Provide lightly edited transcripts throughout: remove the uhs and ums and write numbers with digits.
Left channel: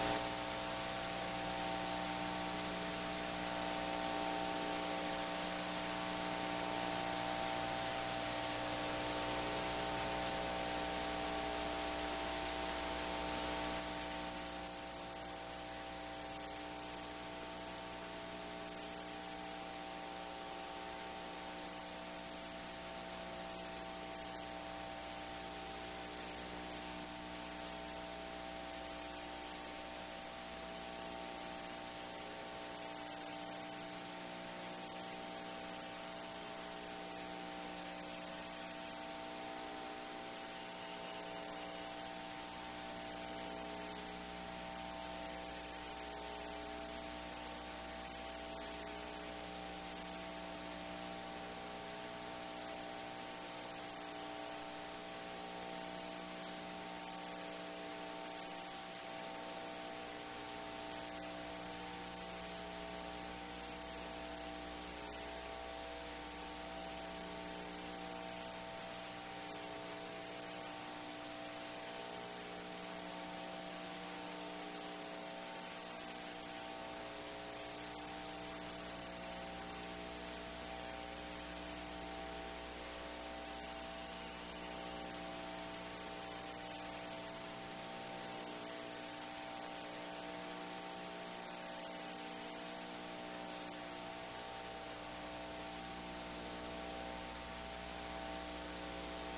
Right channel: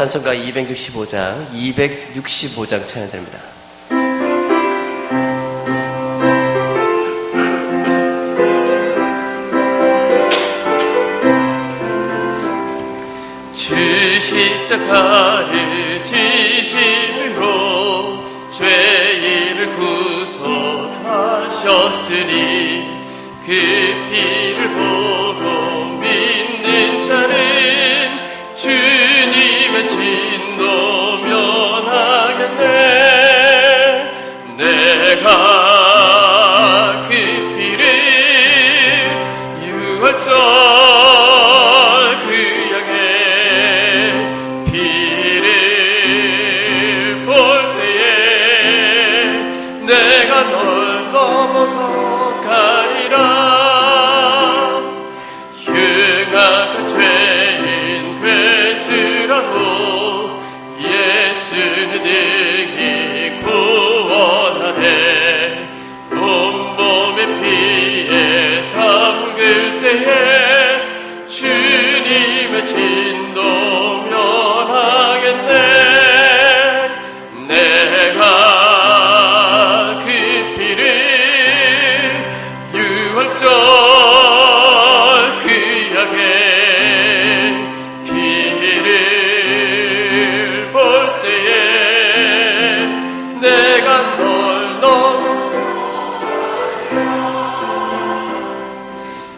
찬송가 265장, 265장 찬양됩니다. 주 십자가를 지심으로 죄인을 구속하셨으니 그 피를 보고 믿는 자는 주님의 진노 면하겠네. 내가 그 피를 유월절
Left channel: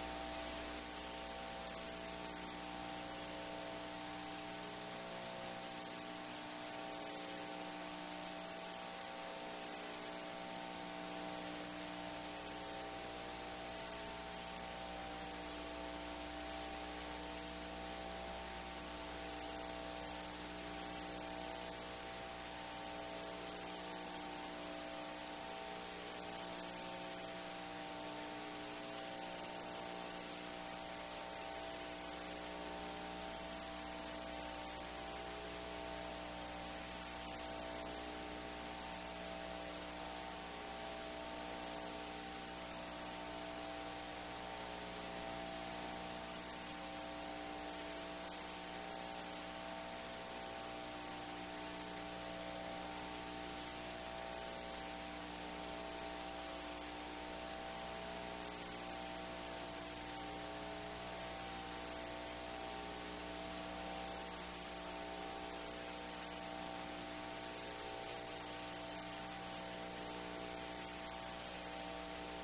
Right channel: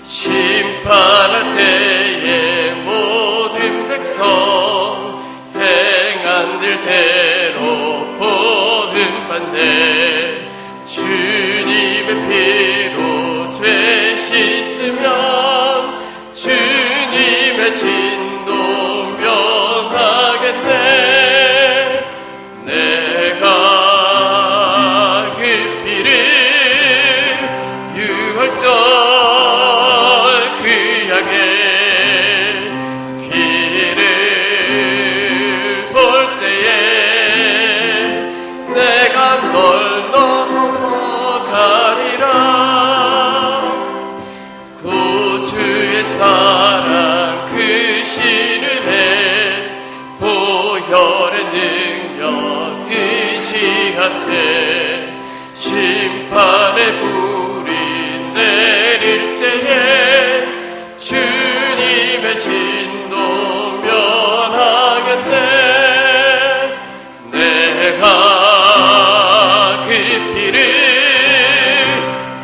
심판할 때에 모든 백성 행한 일대로 보응받네. 주님의 피로 죄 씻으면 주님의 진노 면하겠네. 내가 그 피를 유월절 심판의 불이 내릴 때에 주님의 진노 면하겠네. 내가 그 피를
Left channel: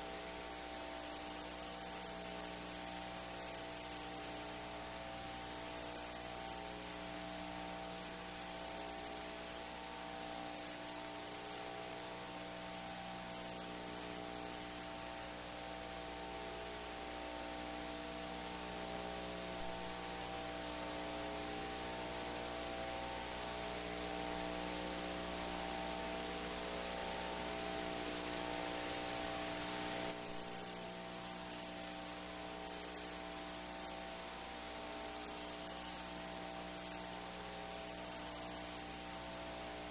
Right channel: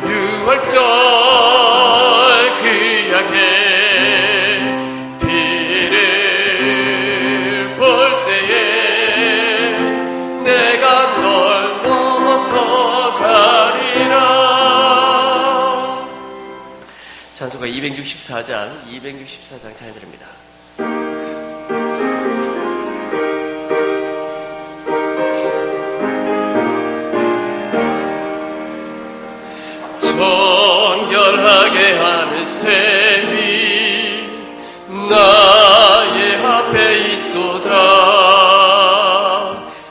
유월절 귀하게 피를 볼 때에 내가 널 찬송가 264장 찬양드립니다. 정결하게 하는 셈이 나의 앞에 있도다.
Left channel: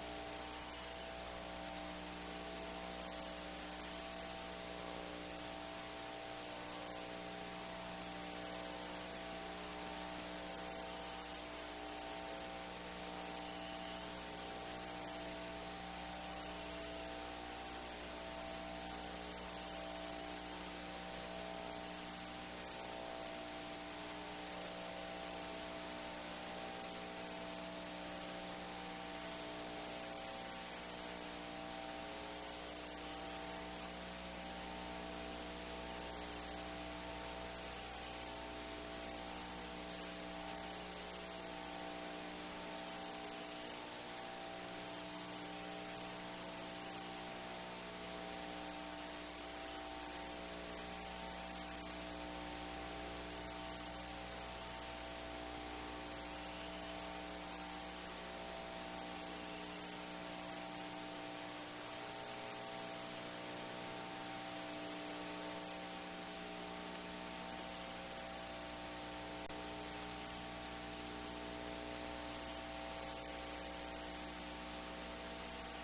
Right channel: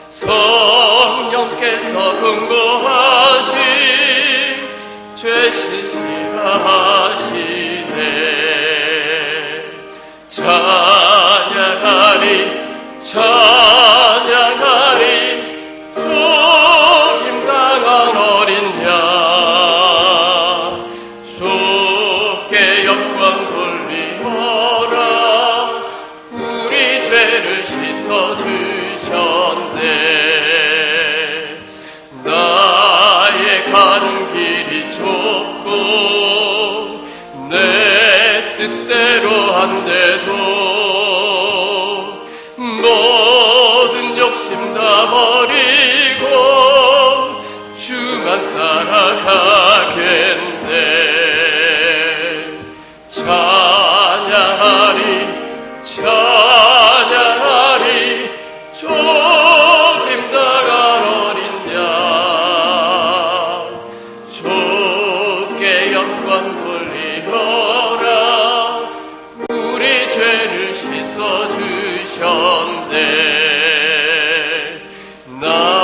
성령께서 권고하신 죄 씻으라 찬양하리 속임당한 어린 양 주께 영광 돌리어라. 우리 죄를 씻어주셨네. 나의 가는 길이 좁고 내 뜻대로 한데도 모든 욕심 다 버리고 주만 따라가겠네. 찬양하리 조김당한 어린 양 주께 영광 돌리어라. 우리 죄를 씻어주셨네. 나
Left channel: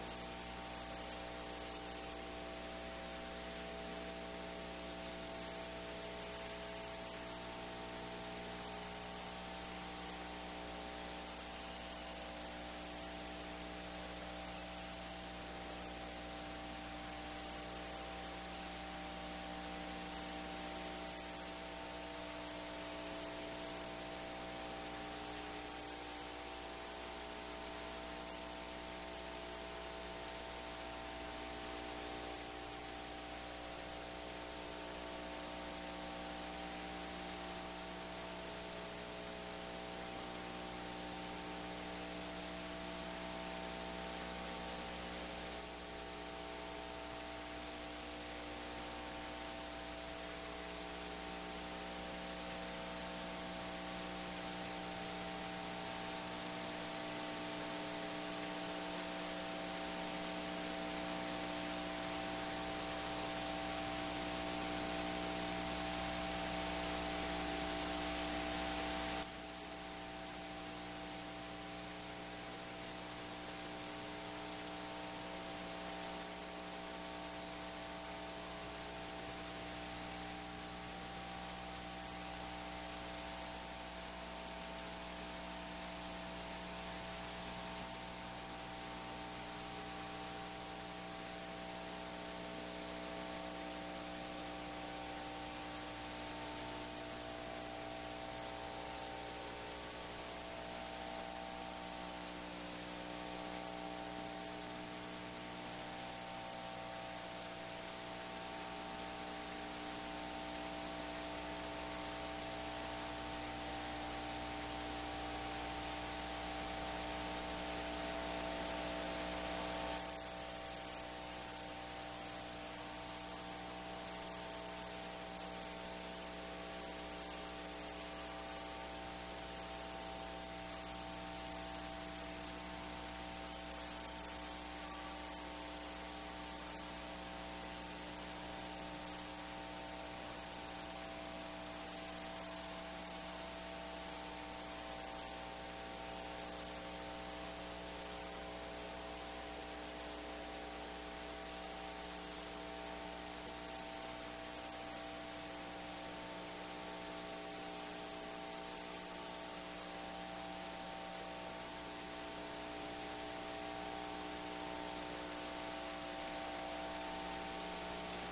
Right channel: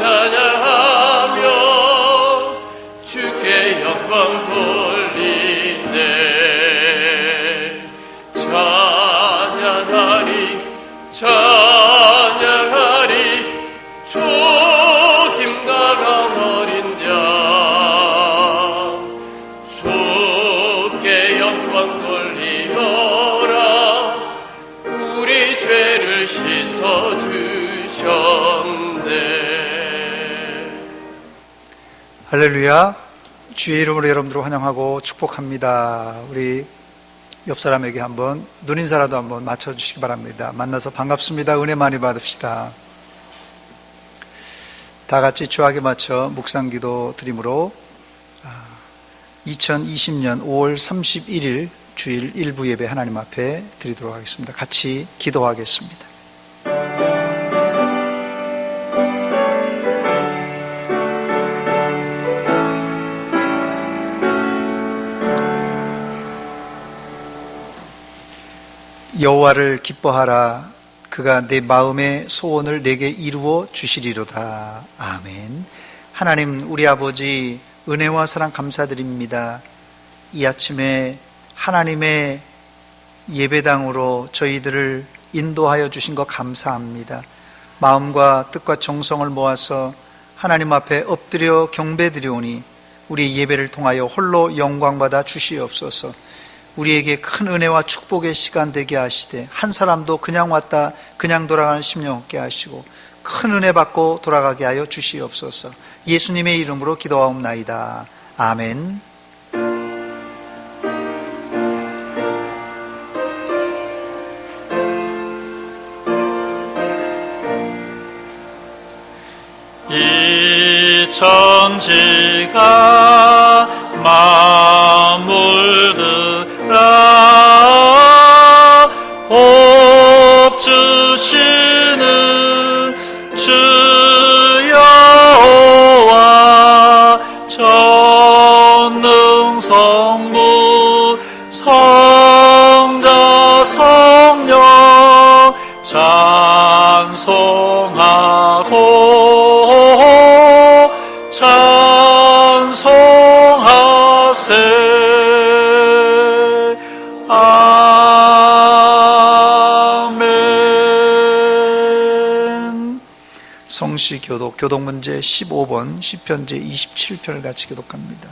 찬양하며 주께 영광 돌리네. 찬양하리 찬양하리 주 김강한 어린 자. 주께 영광 돌리어라. 우리 죄를 씻어주셨네. 할렐루야. 주의 이름으로 여러분들을 환영하고 축복합니다. 우리 옆 사람에게 한번 눈인사라도 한번 맞춰주시기 바랍니다. 만나서 반갑습니다. 은혜 많이 받읍시다. 다 같이 주하게 맞춰 묵상기도 드림으로 2020년 5월 31일 주일 일부 예배 하나님 앞에 드리도록 하겠습니다. 같이 기도하겠습니다. 여호와를 기뻐하라. 그가 내 마음의 소원을 내게 이루어 주시리로다. 아멘. 하나님 우리 아버지 은혜와 사랑 감사드립니다. 이 아침에 하나님의 예배당으로 저희들을 인도하여 주신 것 감사합니다. 마음과 뜻과 정성을 모아서 하나님 앞에 엎드려 경배드리오니 우리 예배를 통하여 홀로 영광받아 주시옵소서. 우리에게 큰 은혜와 축복의 시간 되게 하시되 한 사람도 그냥 왔다 그냥 돌아가는 심령 없게 하시고 큰 은혜 받고 돌아가게 하여 주시옵소서. 예수님의 이름으로 기도하옵나이다. 아멘. 이 천지가 만물들아 복 주시는 주 여호와 전능성부 성자 성령 찬송하고 찬송하세. 아멘. 성시교독 교독문제 15번 시편제 27편을 같이 교독합니다.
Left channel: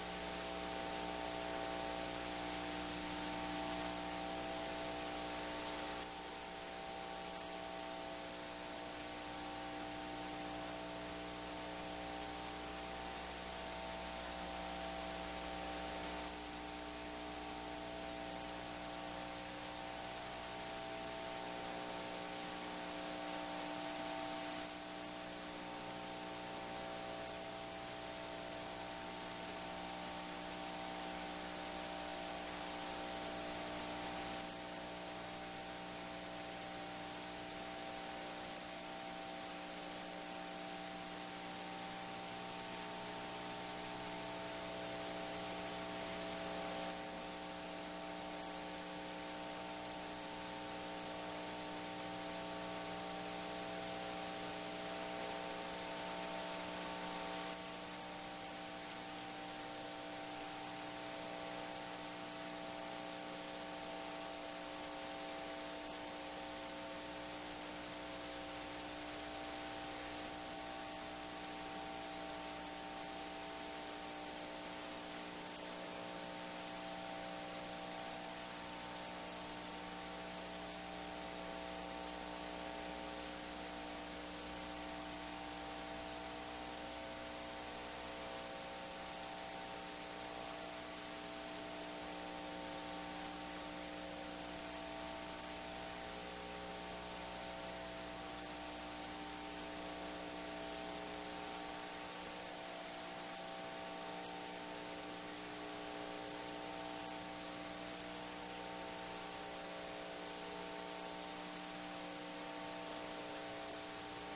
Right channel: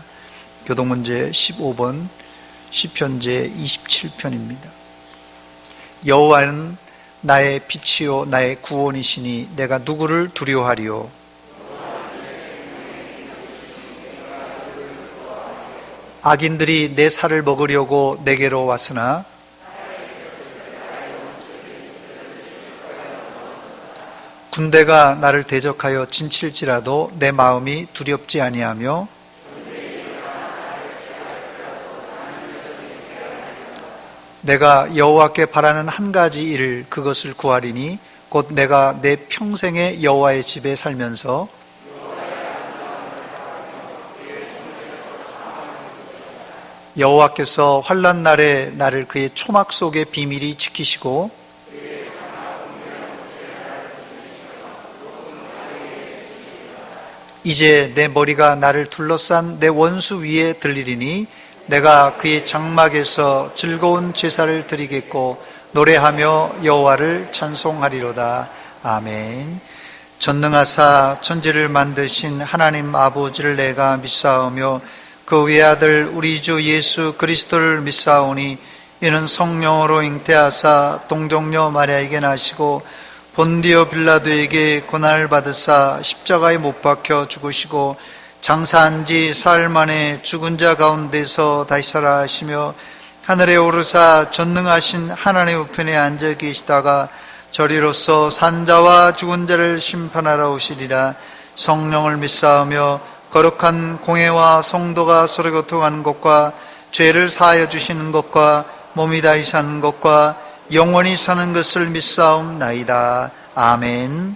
교독문제 15번 시편제 27편입니다. 여호와는 나의 빛이요 나의 구원이시니 내가 누구를 두려워하리요. 악인들이 내 살을 먹으려고 내게로 왔으나 군대가 나를 대적하여 진칠지라도 내 마음이 두렵지 아니하며 내가 여호와께 바라는 한 가지 일을 그것을 구하리니 곧 내가 내 평생에 여호와의 집에 살면서 여호와께서 환난 날에 나를 그의 초막 속에 비밀히 지키시고 이제 내 머리가 나를 둘러싼 내 원수 위에 들리리니 내가 그의 장막에서 즐거운 제사를 드리겠고 노래하며 여호와를 찬송하리로다. 아멘. 전능하사 천지를 만드신 하나님 아버지를 내가 믿사오며 그 외아들 우리 주 예수 그리스도를 믿사오니 이는 성령으로 잉태하사 동정녀 마리아에게 나시고 본디오 빌라도에게 고난을 받으사 십자가에 못 박혀 죽으시고 장사한 지 사흘 만에 죽은 자 가운데서 다시 살아 하시며 하늘에 오르사 전능하신 하나님 우편에 앉아 계시다가 저리로서 산자와 죽은 자를 심판하러 오시리라. 성령을 믿사오며 거룩한 공회와 성도가 서로 교통하는 것과 죄를 사하여 주시는 것과 몸이 다시 사는 것과 영원히 사는 것을 믿사옵나이다. 아멘.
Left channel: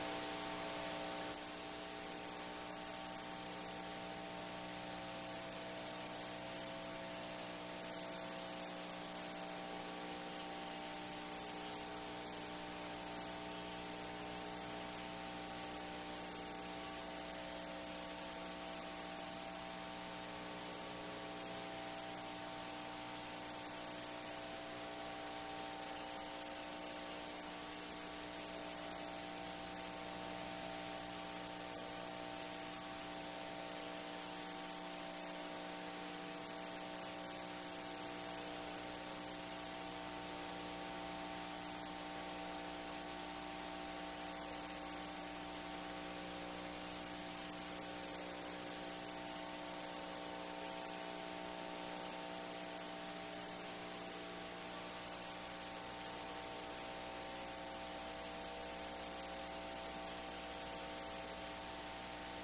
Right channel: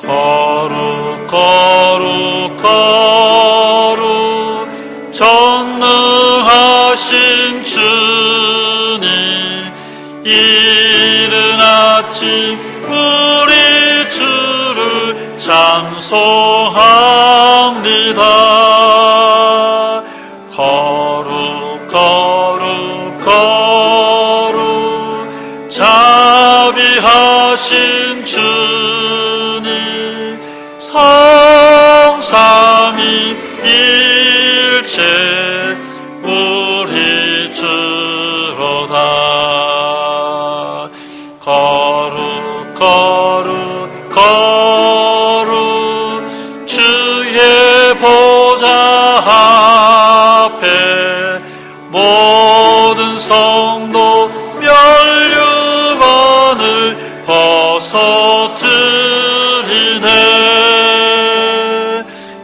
거룩 거룩 거룩 전능한 주님, 이른 아침 우리 주를 찬송합니다. 거룩 거룩 거룩 자비하신 주님, 성삼위일체 우리 주로다. 거룩 거룩 거룩 주의 보좌 앞에 모든 성도 멸류관을 벗어드리네.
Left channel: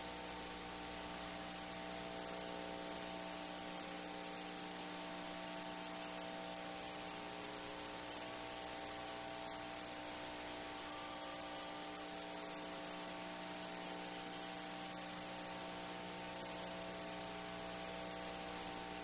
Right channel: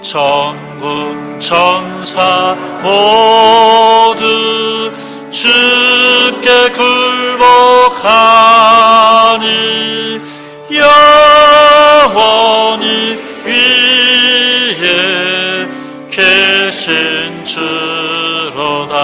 천군 천사 모두 주께 굴복하니 영원히 위에 계신 주로다.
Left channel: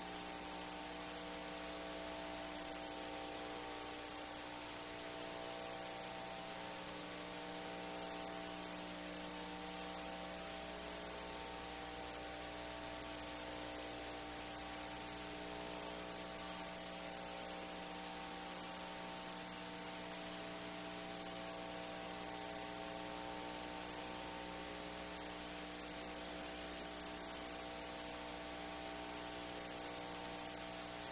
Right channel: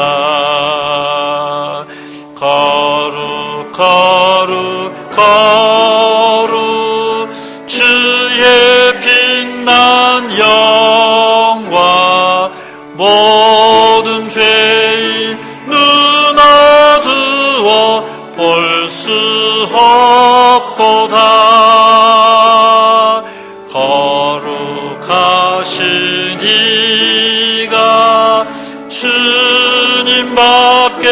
거룩 거룩 거룩 주의 빛난 영광, 모든 죄인 눈 어두워 볼 수 없도다. 거룩하신 이가 주님밖에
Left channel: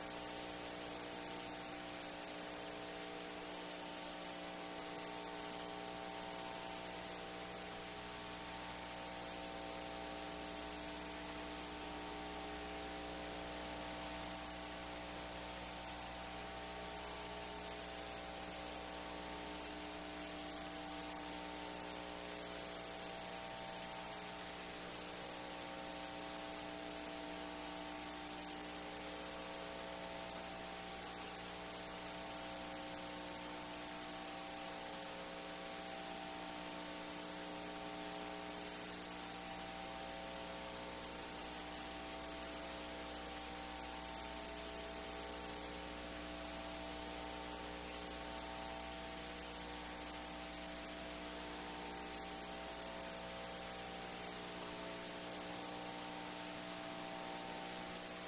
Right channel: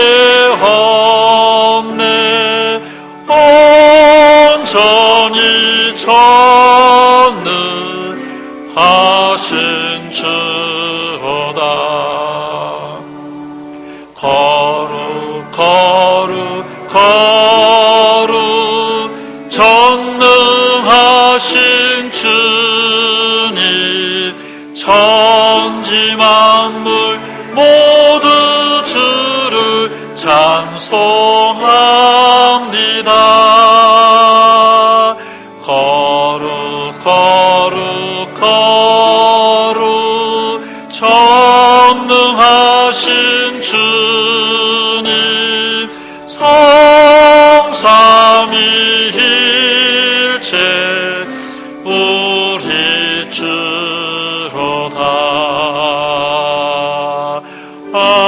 없네. 온전히 전능하신 주로다. 거룩 거룩 거룩 전능하신 주님, 천지 만물 모두 주를 찬송합니다. 거룩 거룩 거룩 전능하신 주님, 성삼위일체 우리 주로다. 아멘.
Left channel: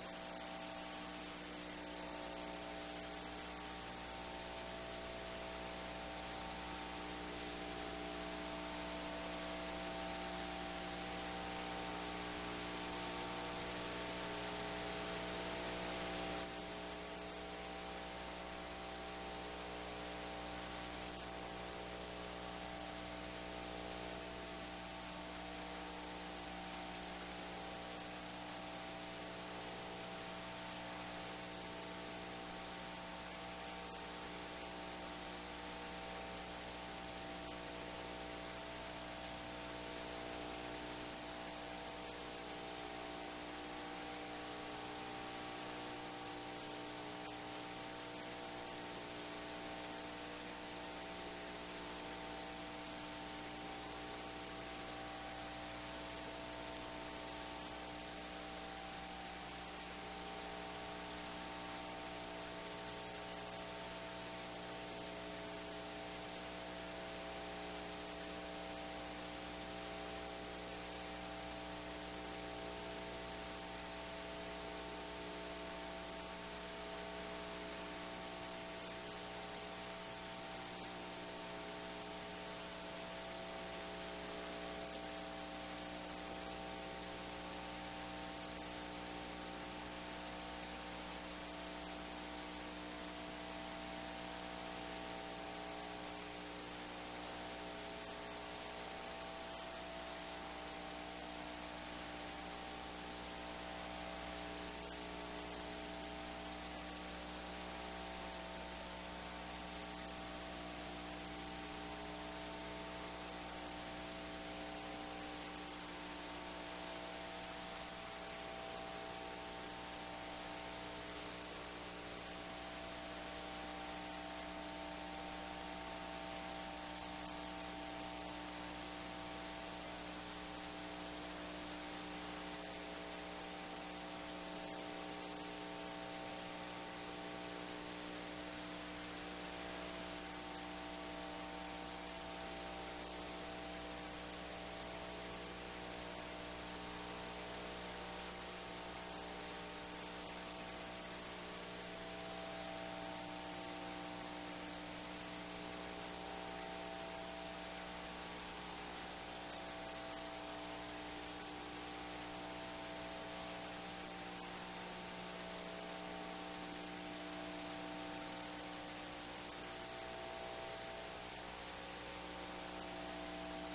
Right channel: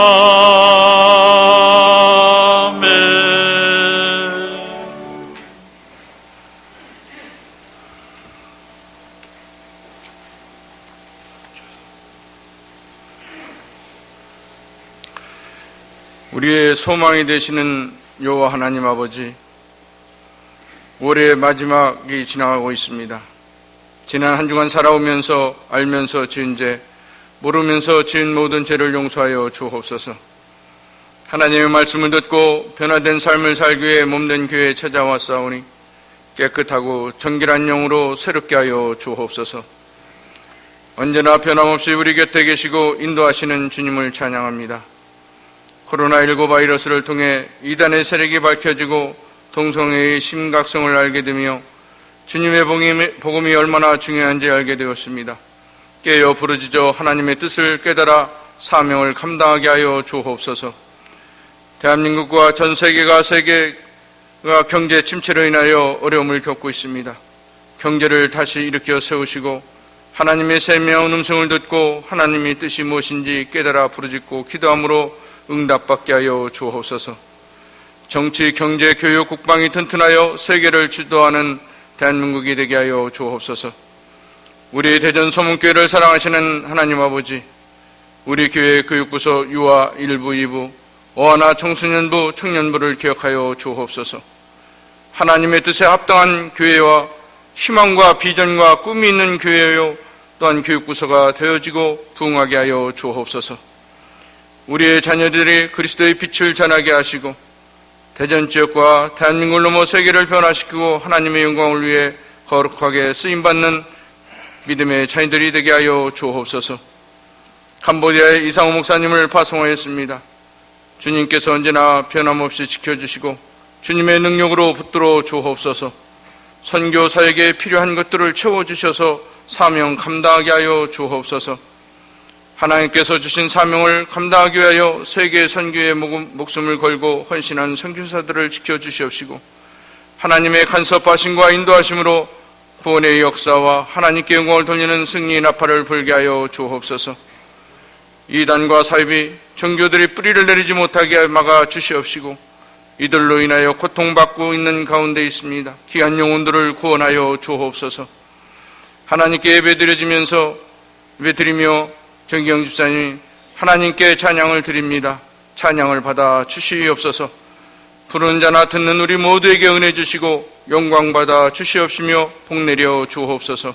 우리의 소망이 되시는 여호와 하나님 아버지, 올해의 마지막이 지나가고 있습니다. 지난 한 주간 살아오면서 알면서 지은 죄, 모르면서 지은 모든 죄를 용서하여 주옵소서. 하나님의 말씀을 듣고 변화된 삶을 살기 위해 몸된 교회에 찾아왔사오니 깨끗하고 정결한 영으로 새롭게 하여 주옵소서. 언제나 변함없이 우리 곁에 계시고 인도하시는 주님을 찬양합니다. 코로나19 바이러스를 통해 이단의 세력이 밝혀지고 동성애의 심각성을 알게 되며 주님의 복음이 얼마나 중요한지 알게 되었습니다. 깨어 부르짖어 하나님의 뜻을 깨달아 사명을 감당하게 하여 주옵소서. 대한민국과 전 세계가 경제 침체로 인하여 어려움을 겪고 있습니다. 경제를 다시 일으켜 세우시고 하나님의 세미한 음성을 듣고 하나님의 뜻이 무엇인지 깨달아 부르짖고 기도함으로 응답받게 하여 주옵소서. 정치, 경제, 교육, 국방이 튼튼하여 세계를 주도하는 대한민국이 되게 하여 주옵소서. 우리 대전 서문교회를 사랑하시는 하나님 아버지, 우리 교회 교육부서 유아 1부, 2부, 어하나 청소년부, 청년부를 기억하여 주옵소서. 하나님의 뜻에 합당한 교회와 희망과 비전과 꿈이 있는 교회요, 또한 교육부서가 되어지고 부흥하게 하여 주옵소서. 우리의 자녀들이 그리스도의 빛을 전하게 하시고 대전 지역과 대한민국을 넘어 세계를 변화시키고 하나님의 영광을 위해 거룩하게 쓰임받는 믿음의 자녀들이 되게 하여 주옵소서. 캄보디아의 이상호 목사님을 파송하였습니다. 주님께서 언제나 변함없이 지켜주시고 주님의 능력으로 붙들어 주옵소서. 선교 사역에 필요한 것들을 채워주셔서 사명 감당하게 하여 주옵소서. 하나님께서 주신 사명을 감당하기 위하여 세계 선교에 목숨을 걸고 헌신한 선교사들을 지켜주시옵시고 하나님의 간섭하심과 인도하심으로 구원의 역사와 하나님께 영광을 돌리는 승리의 나팔을 불게 하여 주옵소서. 이단과 사입이 종교들이 뿌리를 내리지 못하게 막아 주시옵시고 이들로 인하여 고통받고 있는 가운데 있습니다. 귀한 영혼들을 구원하여 주옵소서. 하나님께 예배드리며 정기영 집사님이 하나님께 찬양을 드립니다. 찬양을 받아 주시옵소서. 부르는 자나 듣는 우리 모두에게 은혜 주시고 영광 받아 주시옵시며 복내려 주옵소서.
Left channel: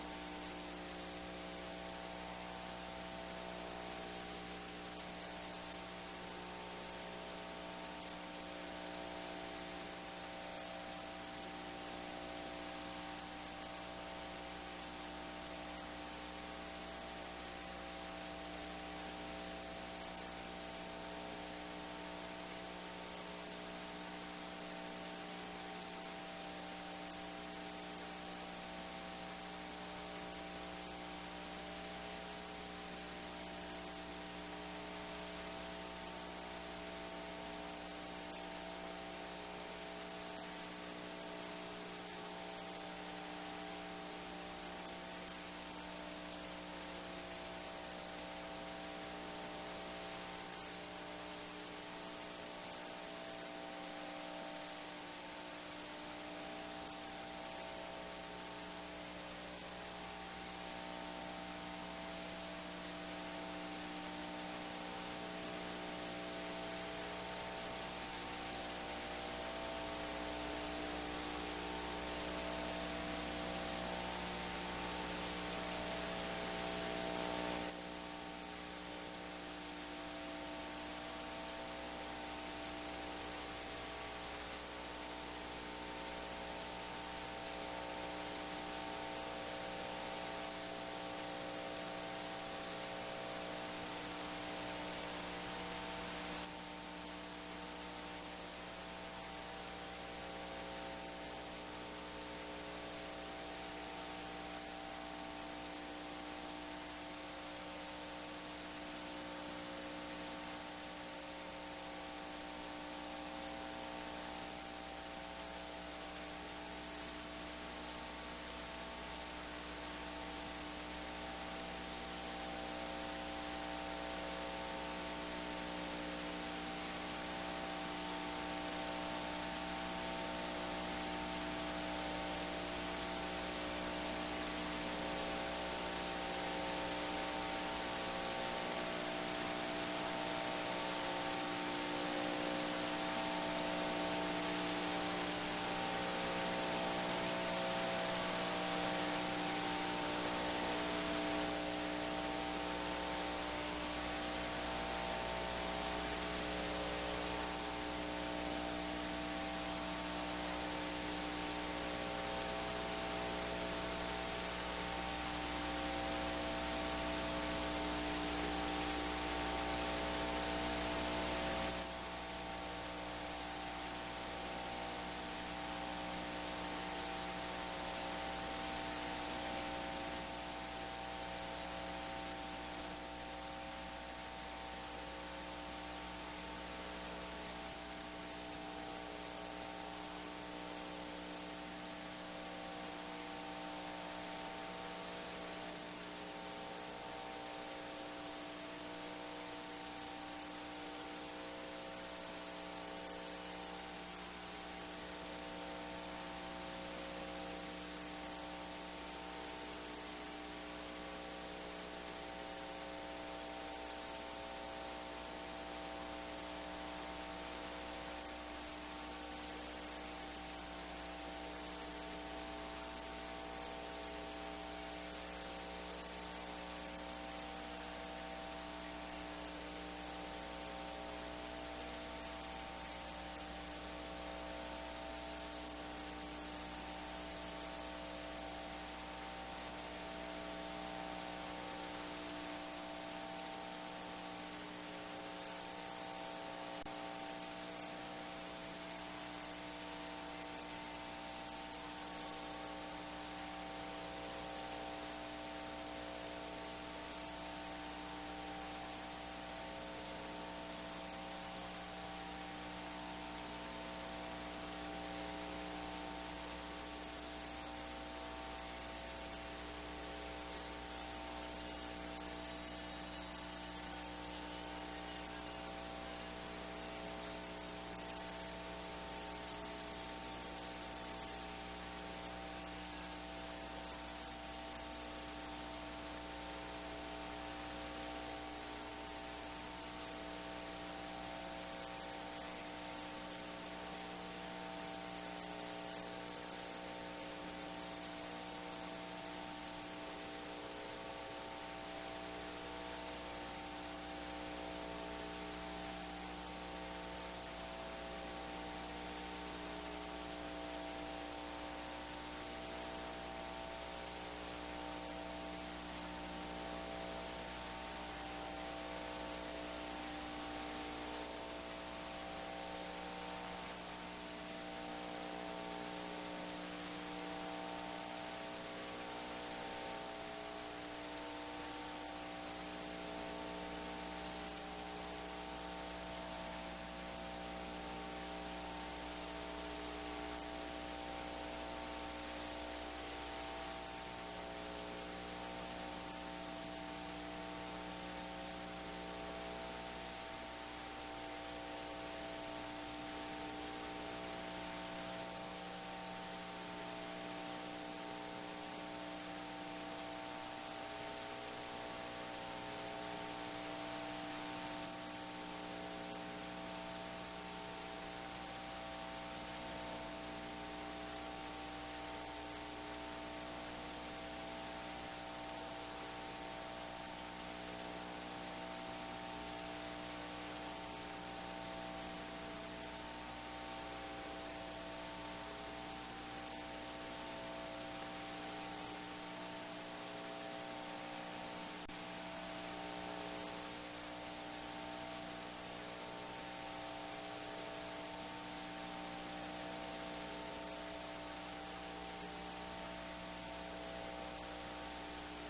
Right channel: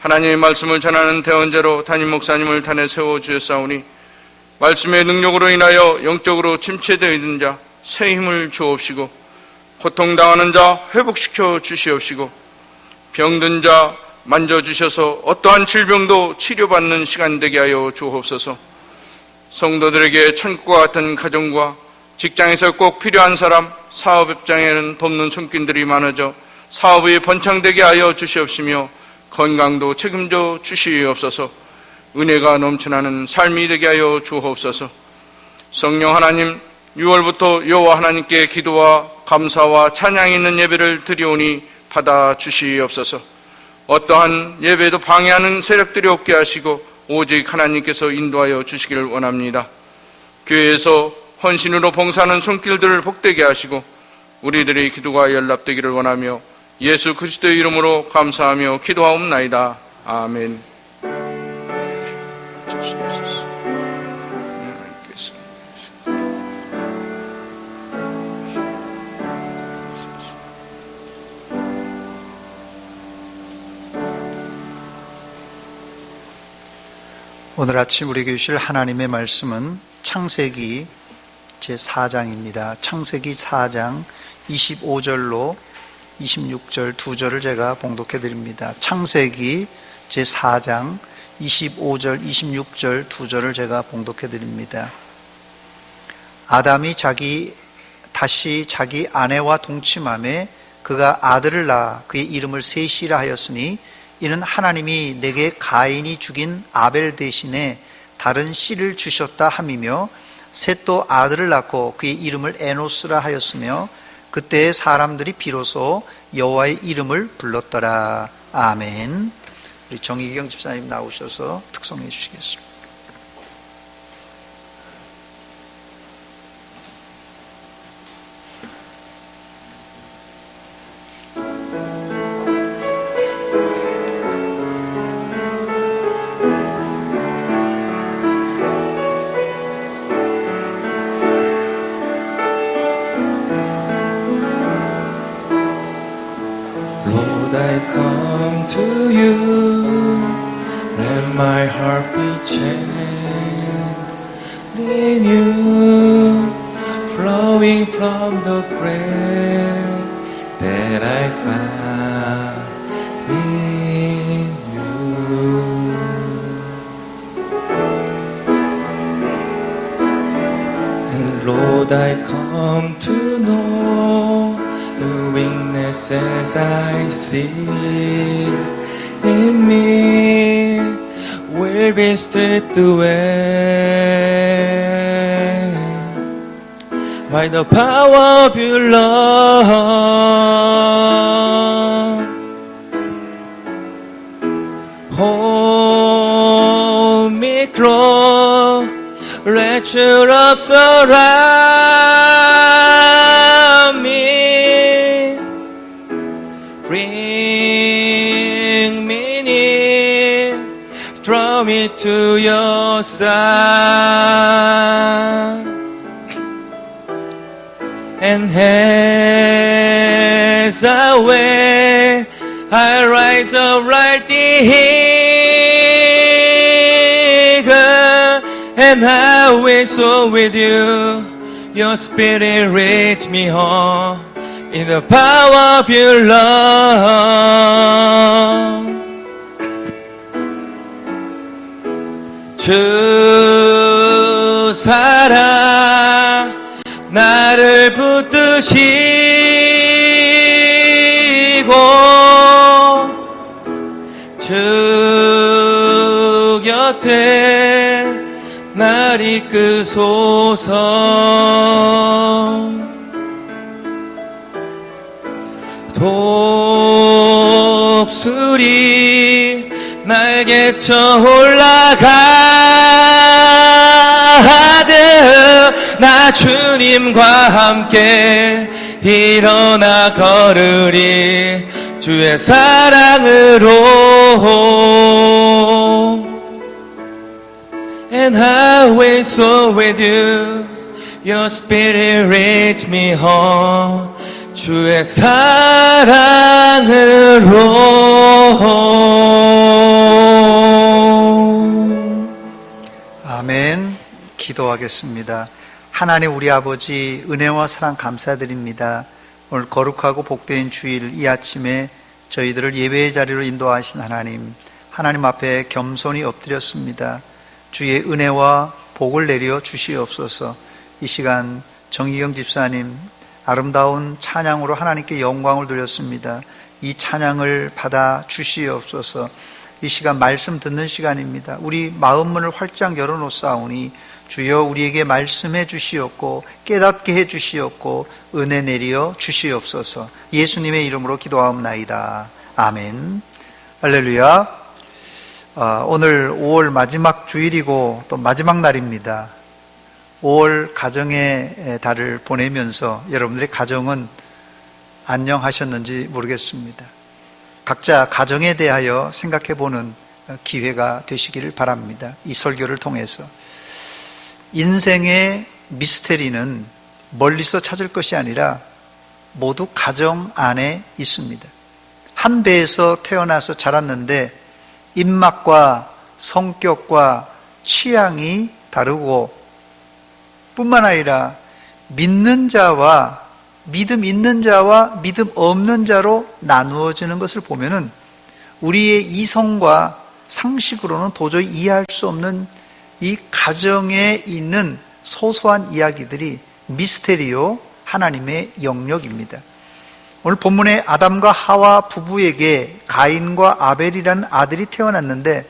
하나님의 말씀을 전하는 대언자로 담임 목사님을 단에 세워 주셨사오니 말씀의 능력으로 인하여 영적으로 침체되어 있는 자 새 힘을 주옵시고 고통당하는 자 회복시켜 주시옵시고 병든 자 만져주셔서 어떠한 질병도 치료받는 시간 되게 하여 주옵소서. 성도들에게 천국과 같은 가정과 직장에서 꼭 필요한 사람, 사업 입장에는 돕는 손길들이 많아져 사업이 번창되게 하여 주시옵시며 건강도 책임져 주시옵소서. 은혜가 넘쳐나는 삶이 되게 하여 주옵소서. 성령 하나님, 6월부터 여호와 하나님께 기도와 감사와 찬양이 있는 예배를 드리오니 받아 주시옵소서. 어떠한 예배도 방해하는 세력들이 없게 하시고 오직 하나님께서 인도하여 주시기를 원합니다. 교회에서 헌신으로 봉사하는 손길들을 복되게 하시고 우리들의 기도가 연락되기를 원하며 예수 그리스도의 이름으로 감사하며 기도하옵나이다. 아멘. 오늘 아침 우리에게 주실 하나님의 말씀은 창세기 제4장입니다. 창세기 4장 25절로 26절 두 절을 제가 봉독해 드립니다. 창세기 제4장 25절 26절 두 절을 제가 봉독해 드립니다. 아담이 다시 자기 아내와 동침함에 그가 아들을 낳아 그의 이름을 셋이라 하였으니 이는 하나님이 내게 가인이 죽인 아벨 대신에 다른 씨를 주셨다 함이며 셋도 아들을 낳고 그의 이름을 에노스라 하였으며 그때 사람들이 비로소 여호와의 이름을 불렀더라. 아멘. 우리 정희경 집사님 나오셔서 특송해 주시겠습니다. Lord, I come to you, let my heart be changed, renewed, flowing from the grace that I found in you. And Lord, I come to know the weaknesses I see in me will be stripped away by the power of your love. Hold me close, let your love surround me. Bring me near, draw me to your side. And as I wait, I rise upright eager, and I will soar with you. Your spirit leads me home in the power of your love. 주 사랑 나를 붙드시고 주 곁에 날 이끄소서. 독수리 날개쳐 올라가듯 나 주님과 함께 일어나 걸으리 주의 사랑으로. And I wait so with you, your spirit leads me home. 주의 사랑으로. 아멘. 기도하겠습니다. 하나님 우리 아버지 은혜와 사랑 감사드립니다. 오늘 거룩하고 복된 주일 이 아침에 저희들을 예배의 자리로 인도하신 하나님 앞에 겸손히 엎드렸습니다. 주의 은혜와 복을 내려 주시옵소서. 이 시간 정희경 집사님 아름다운 찬양으로 하나님께 영광을 돌렸습니다. 이 찬양을 받아 주시옵소서. 이 시간 말씀 듣는 시간입니다. 우리 마음문을 활짝 열어놓사오니 주여 우리에게 말씀해 주시옵고 깨닫게 해 주시옵고 은혜 내려 주시옵소서. 예수님의 이름으로 기도하옵나이다. 아멘. 할렐루야. 오늘 5월 마지막 주일이고 또 마지막 날입니다. 5월 가정의 달을 보내면서 여러분들의 가정은 안녕하셨는지 모르겠습니다. 각자 가정에 대하여 생각해보는 기회가 되시기를 바랍니다. 이 설교를 통해서 인생의 미스테리는 멀리서 찾을 것이 아니라 모두 가정 안에 있습니다. 한 배에서 태어나서 자랐는데 입맛과 성격과 취향이 다르고 뿐만 아니라 믿는 자와 믿음 있는 자와 믿음 없는 자로 나누어지는 것을 보면은 우리의 이성과 상식으로는 도저히 이해할 수 없는 이 가정에 있는 소소한 이야기들이 미스테리오 하나님의 영역입니다. 오늘 본문에 아담과 하와 부부에게 가인과 아벨이라는 아들이 태어났는데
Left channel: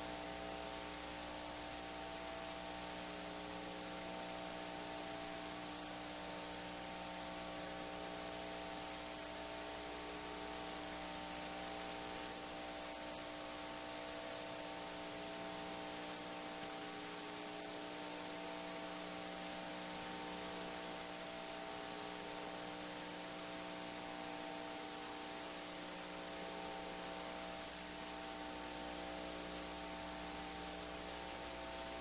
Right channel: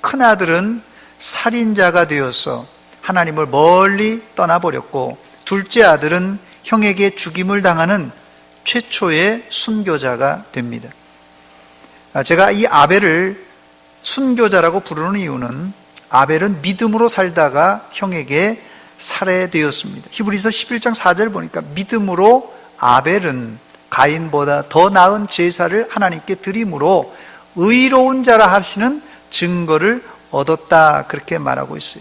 큰 아들은 살인자가 되어서 하나님을 멀리 떠나버렸고 둘째 아들은 형에게 죽임을 당하는 최초의 순교자가 됩니다. 제가 이 아벨을 순교자라고 부르는 이유는 아벨은 믿음으로 살다가 형에게 살해되었습니다. 히브리서 11장 4절 보니까 믿음으로 아벨은 가인보다 더 나은 제사를 하나님께 드림으로 의로운 자라 하시는 증거를 얻었다 그렇게 말하고 있어요.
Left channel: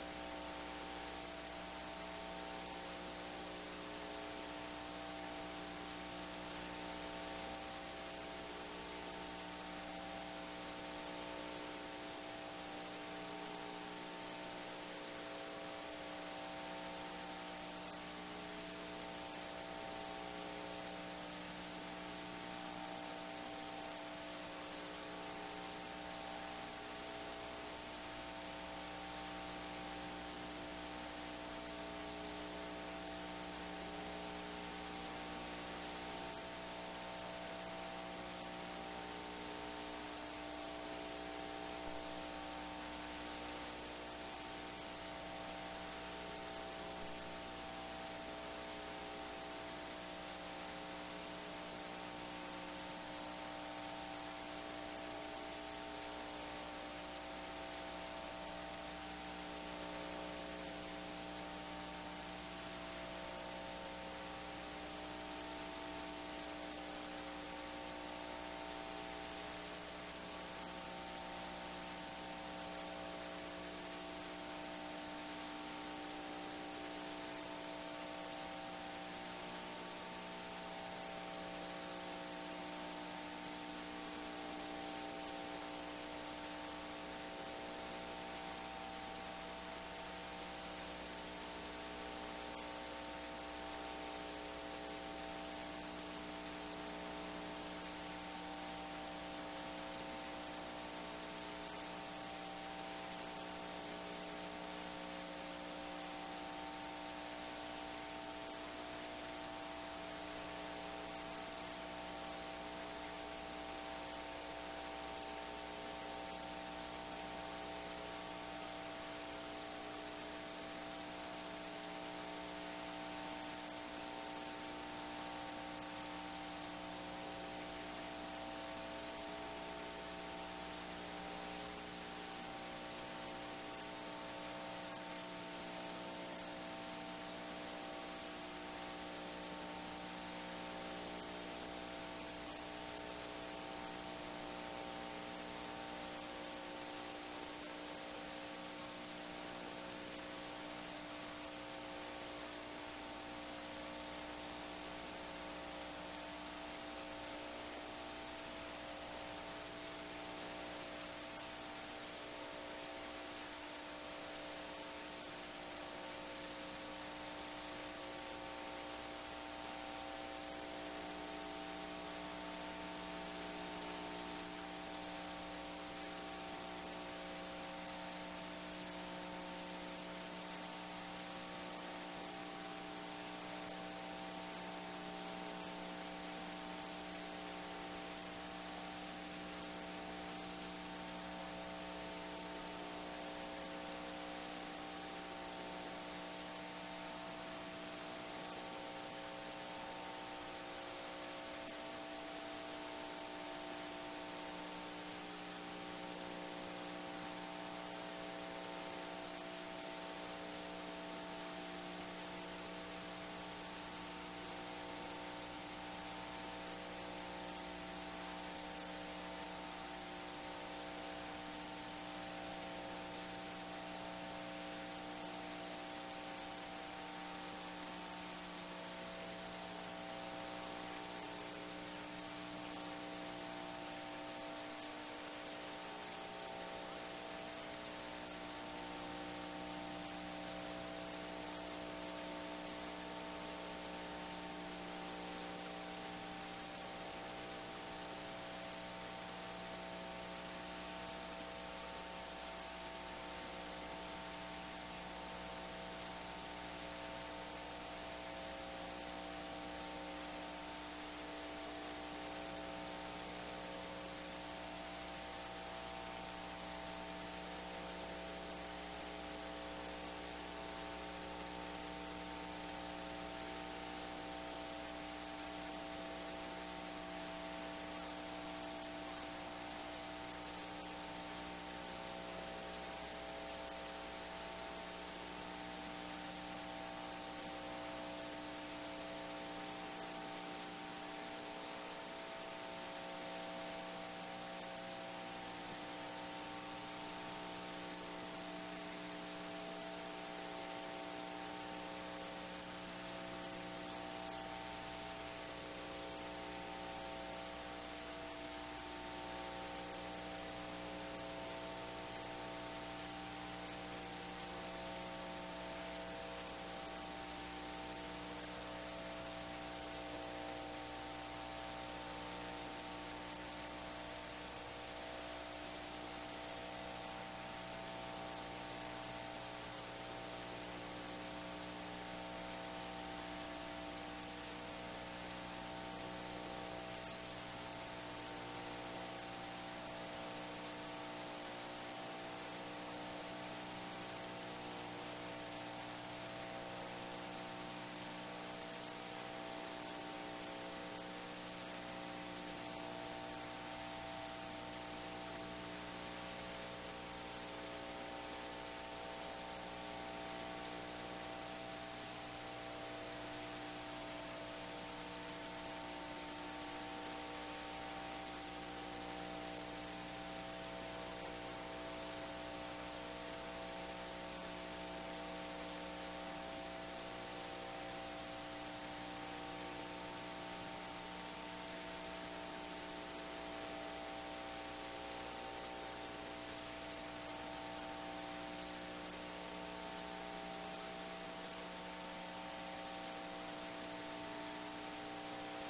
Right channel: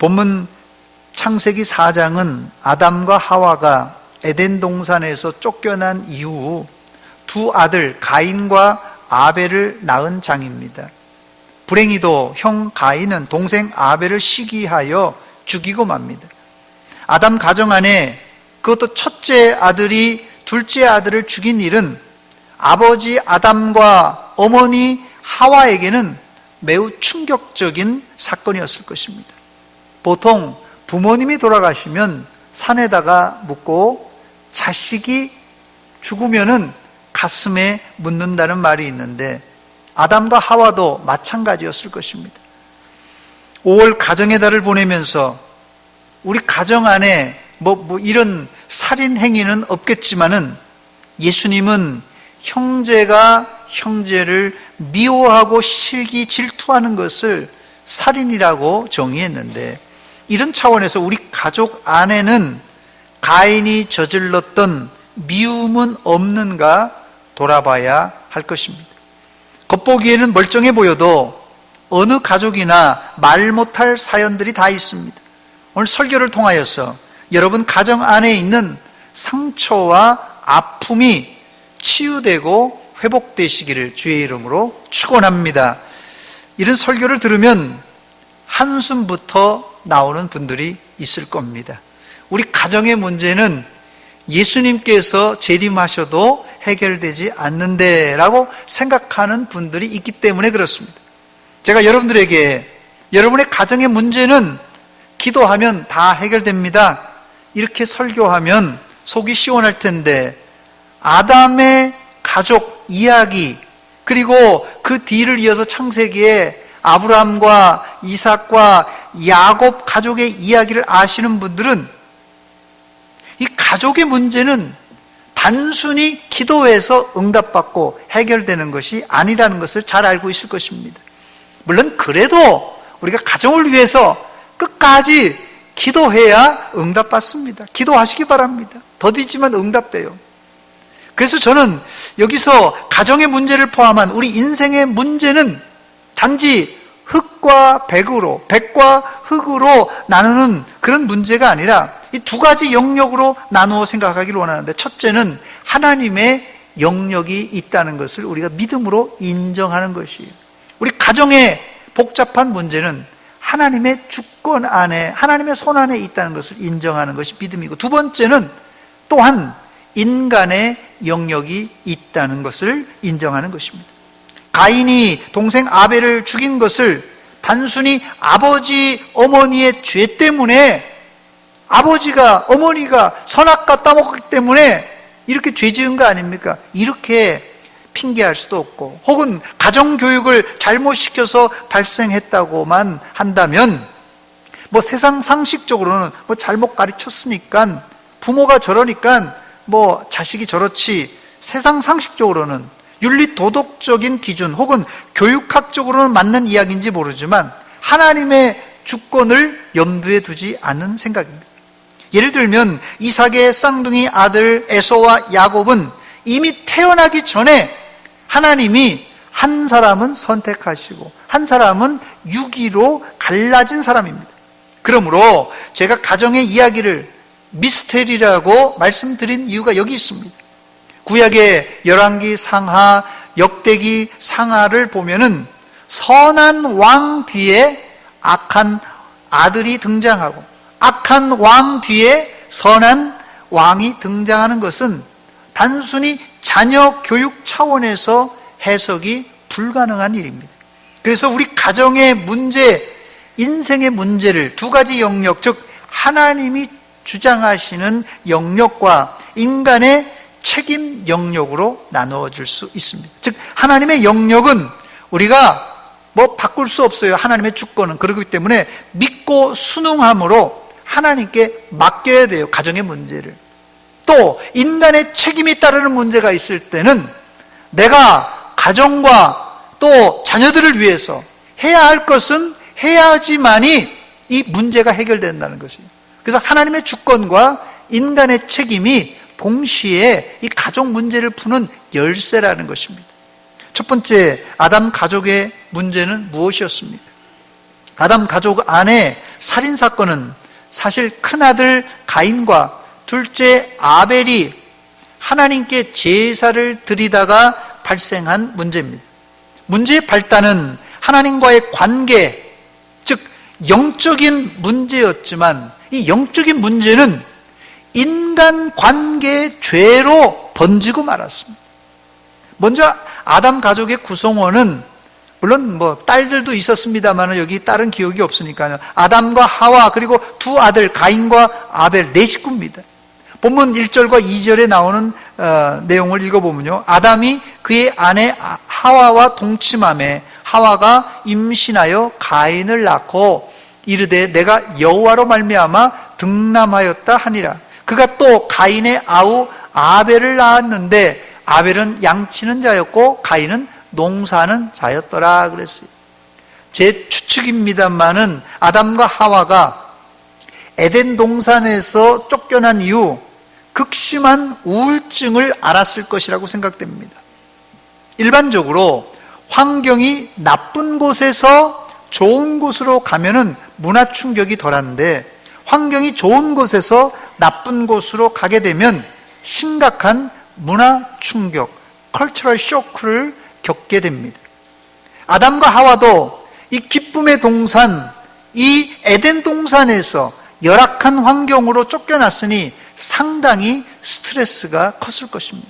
본문 창세기 4장은 아담과 하와가 에덴 동산에서 쫓겨난 이후 두 아들 가인과 아벨을 낳은 장입니다. 불행히도 형 가인은 동생 아벨을 시기하여 죽이고 맙니다. 아담 가정 안에 그것도 첫째 아들이 둘째 아들을 죽인 일은 아버지 아담과 어머니 하와에게는 매우 충격적인 사건이었을 것입니다. 보통 부모님이 돌아가시면 산에다가 묻고 자식이 죽으면은 가슴에 묻는다는 말이 있는데 아담과 하와도 마찬가지였을 것입니다. 5월 가정의 달을 보내면서 우리 가정 안에 이런 살인 행위는 없겠지만은 예수님은 형제가 형제를 미워하고 시기 질투하는 것을 살인이라고 정의했는데 이런 차원에서 우리 가족 안에는 가인이 저질렀던 미움은 없는가 돌아봐야 할 것입니다. 겉보기에는 멀쩡해 보여도 어느 가족이나 말 못할 사연들이 다 있습니다. 오늘 설교를 통하여서 여러분 가정 안에 있는 상처와 아픔이 치유되고 회복되시기를 주의 이름으로 축원합니다. 이런 설교를 들으면 한숨부터 나오는 분들이 있을 겁니다. 우리 가정의 문제는 예수님께서 재림하셔도 해결되지 않는데 라고 생각하는 분들이 있기 때문에 그렇습니다. 제가 여러분들에게 여러분의 가정의 문제는 기도하면 다 해결됩니다. 이렇게 설교하면 속이 시원할 텐데 아담의 가족 이야기 그리고 그 뒤를 이어서 창세기에 아브라함과 이삭과 야곱 가족의 이야기를 아시는 분들은 이 가족의 문제는 단순히 기도해서 응답받고 해결되는 것이 아니라는 것을 잘 알고 있을 것입니다. 물론 그래도 우리가 가정을 위해서 끝까지 기도해야 응답받습니다. 기도하시기 바랍니다. 더디지만 응답돼요. 그래서 저는 여기서 가정의 문제를 포함한 우리 인생의 문제는 단지 흙과 백으로, 백과 흙으로 나누는 그런 문제가 아니라 이 두 가지 영역으로 나누어 생각하기를 원하는데, 첫째는 하나님의 영역이 있다는 것을 우리가 믿음으로 인정하는 것이에요. 우리 가정의 복잡한 문제는 하나님의 주권 안에, 하나님의 손 안에 있다는 것을 인정하는 것이 믿음이고, 두 번째는 또한 인간의 영역이 있다는 것을 인정하는 것입니다. 가인이 동생 아벨을 죽인 것을 단순히 아버지, 어머니의 죄 때문에, 아버지가, 어머니가 선악과 따먹기 때문에 이렇게 죄 지은 거 아닙니까? 이렇게 핑계할 수도 없고, 혹은 가정교육을 잘못시켜서 발생했다고만 한다면, 뭐 세상 상식적으로는 뭐 잘못 가르쳤으니까, 부모가 저러니까 뭐 자식이 저렇지, 세상 상식적으로는 윤리 도덕적인 기준 혹은 교육학적으로는 맞는 이야기인지 모르지만 하나님의 주권을 염두에 두지 않는 생각입니다. 예를 들면 이삭의 쌍둥이 아들 에서와 야곱은 이미 태어나기 전에 하나님이 한 사람은 선택하시고 한 사람은 유기로 갈라진 사람입니다. 그러므로 제가 가정의 이야기를 미스테리라고 말씀드린 이유가 여기 있습니다. 구약의 열왕기 상하, 역대기 상하를 보면은 선한 왕 뒤에 악한 아들이 등장하고, 악한 왕 뒤에 선한 왕이 등장하는 것은 단순히 자녀 교육 차원에서 해석이 불가능한 일입니다. 그래서 우리 가정의 문제, 인생의 문제를 두 가지 영역, 즉 하나님이 주장하시는 영역과 인간의 책임 영역으로 나누어질 수 있습니다. 즉 하나님의 영역은 우리가 뭐 바꿀 수 없어요. 하나님의 주권은. 그렇기 때문에 믿고 순응함으로 하나님께 맡겨야 돼요. 가정의 문제를. 또 인간의 책임이 따르는 문제가 있을 때는 내가 가정과 또 자녀들을 위해서 해야 할 것은 해야지만이 이 문제가 해결된다는 것입니다. 그래서 하나님의 주권과 인간의 책임이 동시에 이 가족 문제를 푸는 열쇠라는 것입니다. 첫 번째, 아담 가족의 문제는 무엇이었습니까? 아담 가족 안에 살인사건은 사실 큰아들 가인과 둘째 아벨이 하나님께 제사를 드리다가 발생한 문제입니다. 문제의 발단은 하나님과의 관계, 즉 영적인 문제였지만 이 영적인 문제는 인간관계의 죄로 번지고 말았습니다. 먼저 아담 가족의 구성원은 물론 뭐 딸들도 있었습니다만 여기 딸은 기억이 없으니까요. 아담과 하와 그리고 두 아들 가인과 아벨 네 식구입니다. 본문 1절과 2절에 나오는 내용을 읽어보면요. 아담이 그의 아내 하와와 동침하매 하와가 임신하여 가인을 낳고 이르되 내가 여호와로 말미암아 등남하였다 하니라. 그가 또 가인의 아우 아벨을 낳았는데 아벨은 양치는 자였고 가인은 농사하는 자였더라 그랬어요. 제 추측입니다만은 아담과 하와가 에덴 동산에서 쫓겨난 이후 극심한 우울증을 앓았을 것이라고 생각됩니다. 일반적으로 환경이 나쁜 곳에서 좋은 곳으로 가면은 문화 충격이 덜한데 환경이 좋은 곳에서 나쁜 곳으로 가게 되면 심각한 문화 충격, 컬처럴 쇼크를 겪게 됩니다. 아담과 하와도 이 기쁨의 동산, 이 에덴 동산에서 열악한 환경으로 쫓겨났으니 상당히 스트레스가 컸을 것입니다.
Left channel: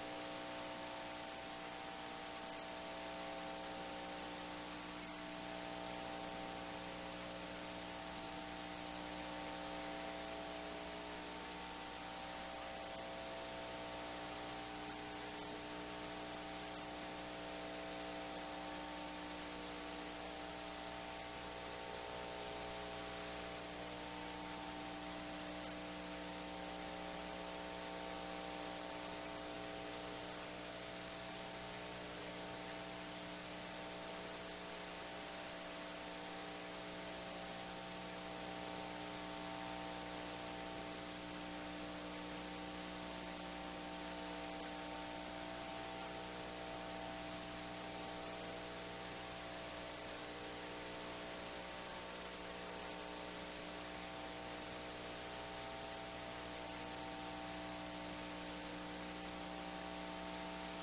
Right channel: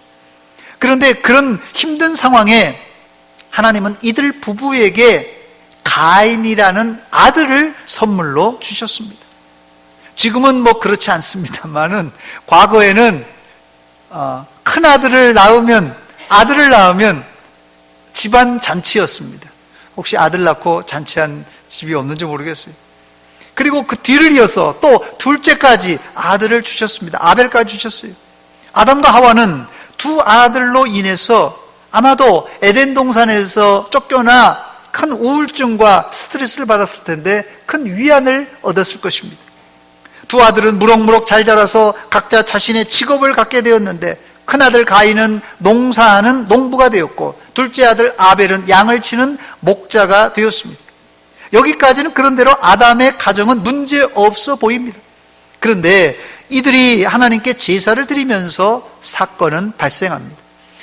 그런데 그런 힘든 상황에 하나님은 이들 부부에게 가인이라는 아들을 선물로 주셨습니다. 지금은 뭐 그렇지 않습니다만은 과거에는 큰 아들을 낳으면 집안 잔치였습니다. 혹시 아들 낳고 잔치한 집이 없는지 모르겠어요. 그리고 그 뒤를 이어서 또 둘째까지 아들을 주셨습니다. 아벨까지 주셨어요. 아담과 하와는 두 아들로 인해서 아마도 에덴 동산에서 쫓겨나 큰 우울증과 스트레스를 받았을 텐데 큰 위안을 얻었을 것입니다. 두 아들은 무럭무럭 잘 자라서 각자 자신의 직업을 갖게 되었는데 큰아들 가인은 농사하는 농부가 되었고 둘째 아들 아벨은 양을 치는 목자가 되었습니다. 여기까지는 그런대로 아담의 가정은 문제없어 보입니다. 그런데 이들이 하나님께 제사를 드리면서 사건은 발생합니다.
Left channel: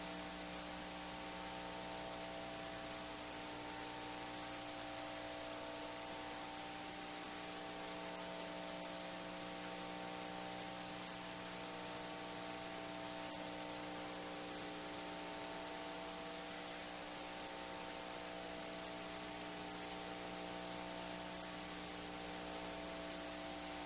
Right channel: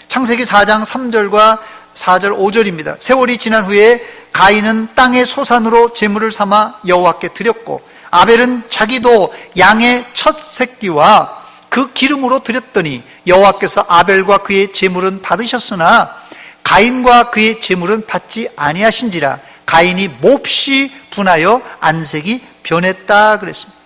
창세기 4장 3절과 4절 5절입니다. 세월이 지난 후에 가인은 땅의 소산으로 제물을 삼아 여호와께 드렸고 아벨은 자기도 양의 첫 새끼와 그 기름으로 드렸더니 여호와께서 아벨과 그의 제물은 받으셨으나 가인과 그의 제물은 받지 아니하신지라 가인이 몹시 분하여 안색이 변했다 그랬습니다.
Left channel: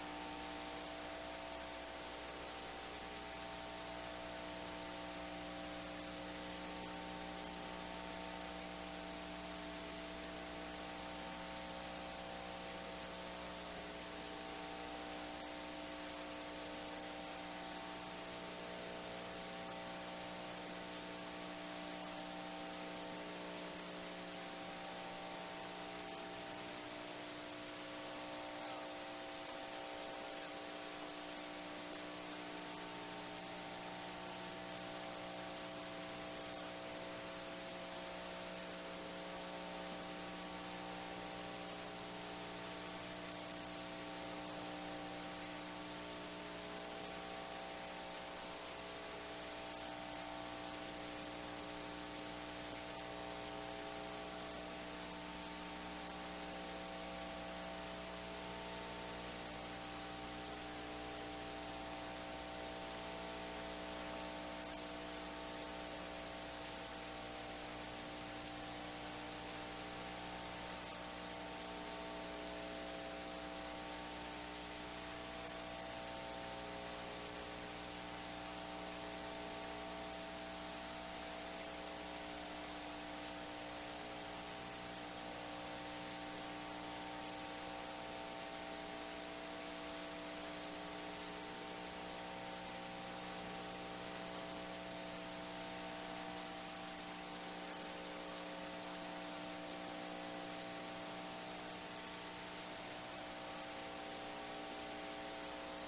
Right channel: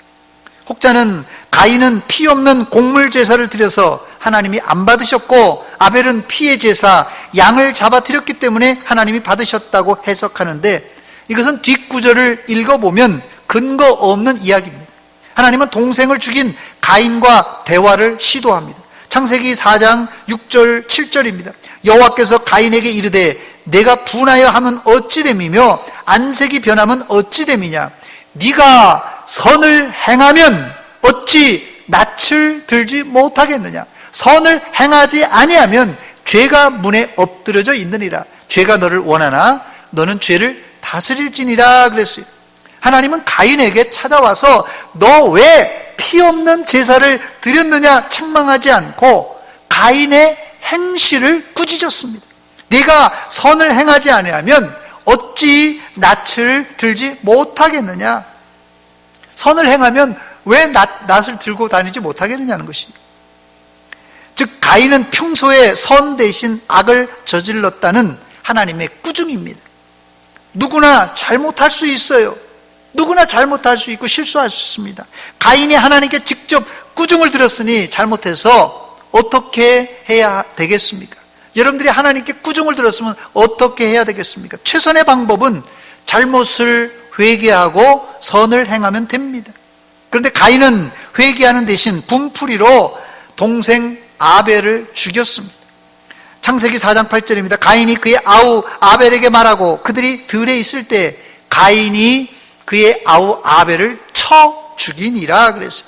혹자는 가인은 피 없는 곡물 제사를 드려서 하나님이 안 받으셨고 아벨은 피의 제사 양을 잡아 드렸기 때문에 하나님이 받으셨다고 해석하는데 이것은 뒷구절을 읽어보면 근거 없는 이야기입니다. 하나님은 동생을 죽인 가인과 대화를 시도합니다. 창세기 4장 6절 7절입니다. 여호와께서 가인에게 이르되 내가 분하여 하면 어찌 됨이며 안색이 변하면 어찌 됨이냐 네가 선을 행하면 어찌 낯을 들지 못하겠느냐 선을 행하지 아니하면 죄가 문에 엎드려져 있느니라 죄가 너를 원하나 너는 죄를 다스릴지니라 그랬어요. 하나님은 가인에게 찾아와서 너 왜 피 없는 제사를 드렸느냐 책망하지 않고 가인의 행실을 꾸짖었습니다. 네가 선을 행하지 아니하면 어찌 낯을 들지 못하겠느냐 선을 행하면 왜 낯을 들고 다니지 못하겠느냐는 것입니다. 즉 가인은 평소에 선 대신 악을 저질렀다는 하나님의 꾸중입니다. 누구나 잘못할 수 있어요. 누구나 잘못할 수 있고 실수할 수 있습니다. 가인이 하나님께 직접 꾸중을 들었으니 잘못해서 어떻게 해야 되겠습니까? 여러분들이 하나님께 꾸중을 들었으면 어떻게 해야 되겠습니까? 최선의 방법은 잘못을 회개하고 선을 행하면 됩니다. 그런데 가인은 회개하는 대신 분풀이로 동생 아벨을 죽였습니다. 창세기 4장 8절입니다. 가인이 그의 아우 아벨에게 말하고 그들이 들에 있을 때 가인이 그의 아우 아벨을 쳐 죽이니라 그랬어요.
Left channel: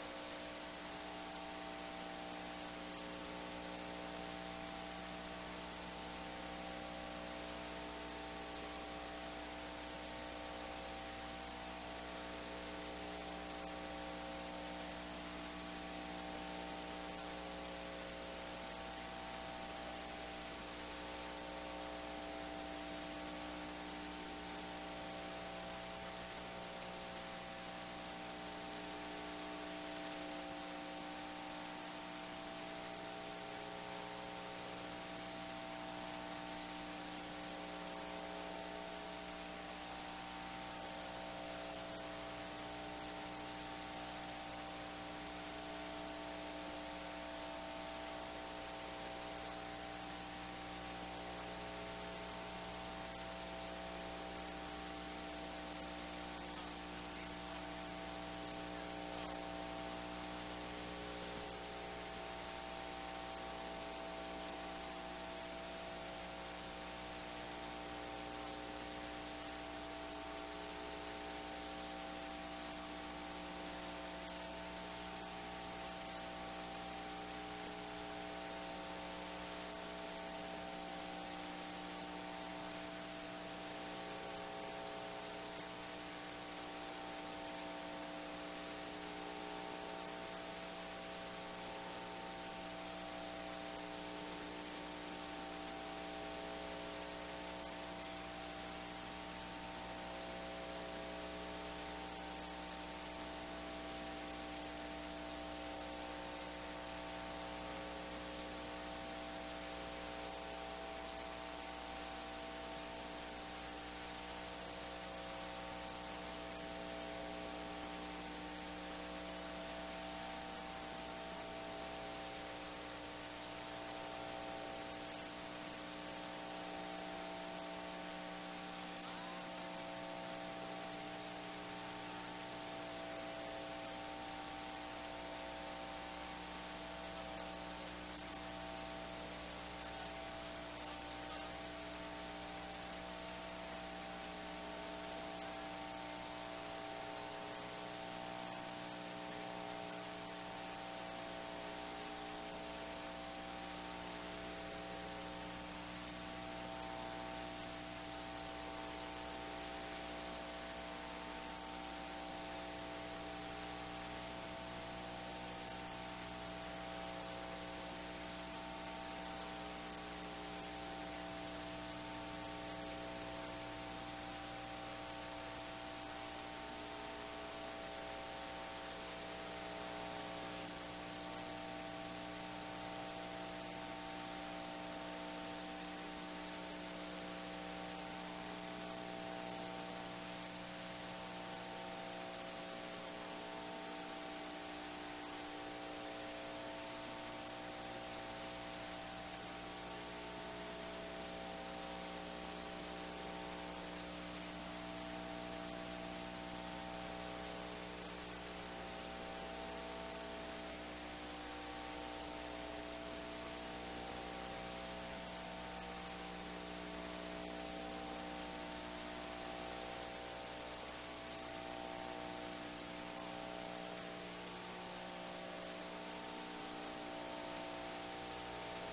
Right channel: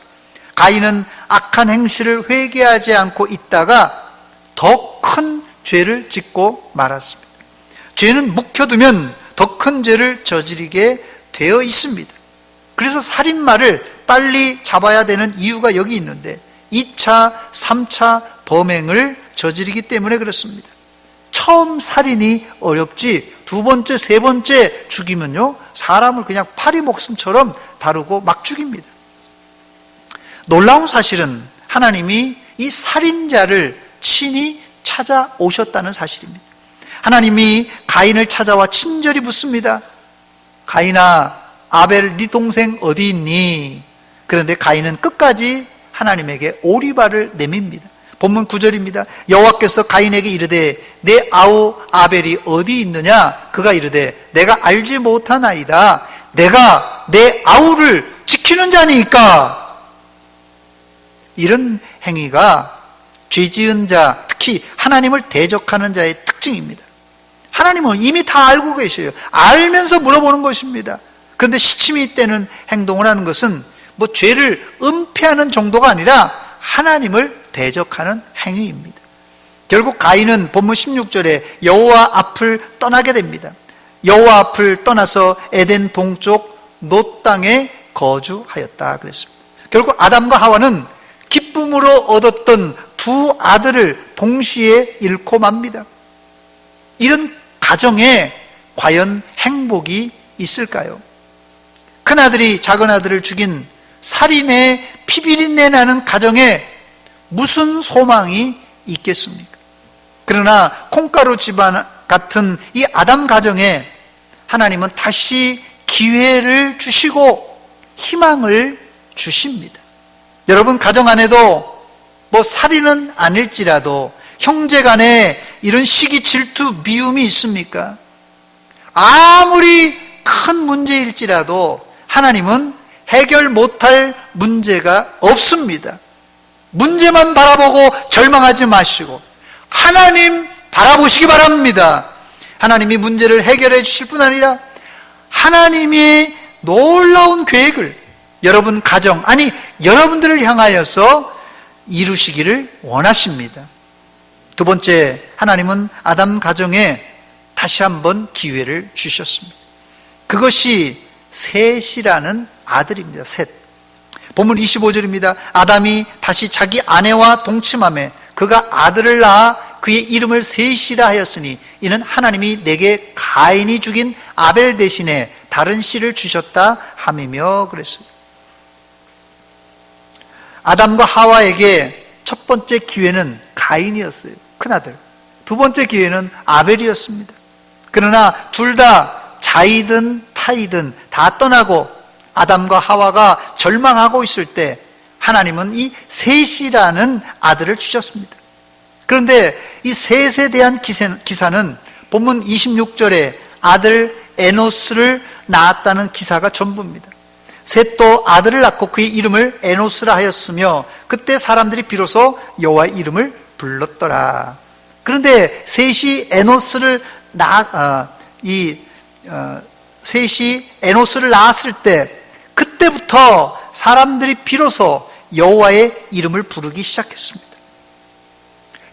가인은 악한 행실을 회개하지 않고 있다가 더 큰 죄를 짓고 말았습니다. 죄는 묵혀두면 더 큰 죄를 저지르게 되어 있습니다. 그래서 살인마를 빨리 잡아야 되는 이유가 여기 있는데 2차, 3차 범행을 저지르기 때문에 그렇습니다. 처음 살인이 어렵지 두 번째, 세 번째 죽이면요 사람을 그냥 파리 목숨처럼 다루고 막 죽입니다. 놀라운 사실은 하나님이 이 살인자를 친히 찾아오셨다는 사실입니다. 하나님이 가인을 찾아와 친절히 묻습니다. 가인아, 아벨 네 동생 어디 있니? 그런데 가인은 끝까지 하나님에게 오리발을 내밉니다. 본문 9절입니다. 여호와께서 가인에게 이르되 내 아우 아벨이 어디 있느냐? 그가 이르되 내가 알지 못하나이다. 내가 내 아우를 지키는 자니까. 이런 행위가 죄지은 자, 특히 하나님을 대적하는 자의 특징입니다. 하나님은 이미 다 알고 계셔요. 알면서 물어보는 것입니다. 그런데 시침이 떼는 행동을 하는 것은 뭐 죄를 은폐하는 정도가 아니라 하나님을 대적하는 행위입니다. 결국 가인은 본문 16절에 여호와 앞을 떠나게 됩니다. 여호와 앞을 떠나서 에덴 동쪽 놋 땅에 거주하였다 그랬습니다. 결국 아담과 하와는 기쁨으로 얻었던 두 아들을 동시에 잃고 맙니다. 이런 가정에 과연 행복이 있을까요? 큰아들이 작은아들을 죽인 살인의 피비린내 나는 가정에 무슨 소망이 있겠습니까? 그러나 콩가루 집안 같은 이 아담 가정에 하나님은 다시 기회를 주시고 희망을 주십니다. 여러분 가정 안에도 뭐 살인은 아닐지라도 형제 간에 이런 시기 질투 미움이 있습니까? 아무리 큰 문제일지라도 하나님은 해결 못할 문제가 없습니다. 문제만 바라보고 절망하지 마시고 하나님 바라보시기 바랍니다. 하나님이 문제를 해결해 주실 뿐 아니라 하나님이 놀라운 계획을 여러분 가정, 아니 여러분들을 향하여서 이루시기를 원하십니다. 두 번째, 하나님은 아담 가정에 다시 한번 기회를 주셨습니다. 그것이 셋이라는 아들입니다. 셋. 본문 25절입니다. 아담이 다시 자기 아내와 동침하며 그가 아들을 낳아 그의 이름을 셋이라 하였으니 이는 하나님이 내게 가인이 죽인 아벨 대신에 다른 씨를 주셨다 함이며 그랬어요. 아담과 하와에게 첫 번째 기회는 가인이었어요. 큰아들. 두 번째 기회는 아벨이었습니다. 그러나 둘 다 자이든 타이든 다 떠나고 아담과 하와가 절망하고 있을 때 하나님은 이 셋이라는 아들을 주셨습니다. 그런데 이 셋에 대한 기사는 본문 26절에 아들 에노스를 낳았다는 기사가 전부입니다. 셋도 아들을 낳고 그의 이름을 에노스라 하였으며 그때 사람들이 비로소 여호와의 이름을 불렀더라. 그런데 셋이 에노스를 셋이 에노스를 낳았을 때 그때부터 사람들이 비로소 여호와의 이름을 부르기 시작했습니다.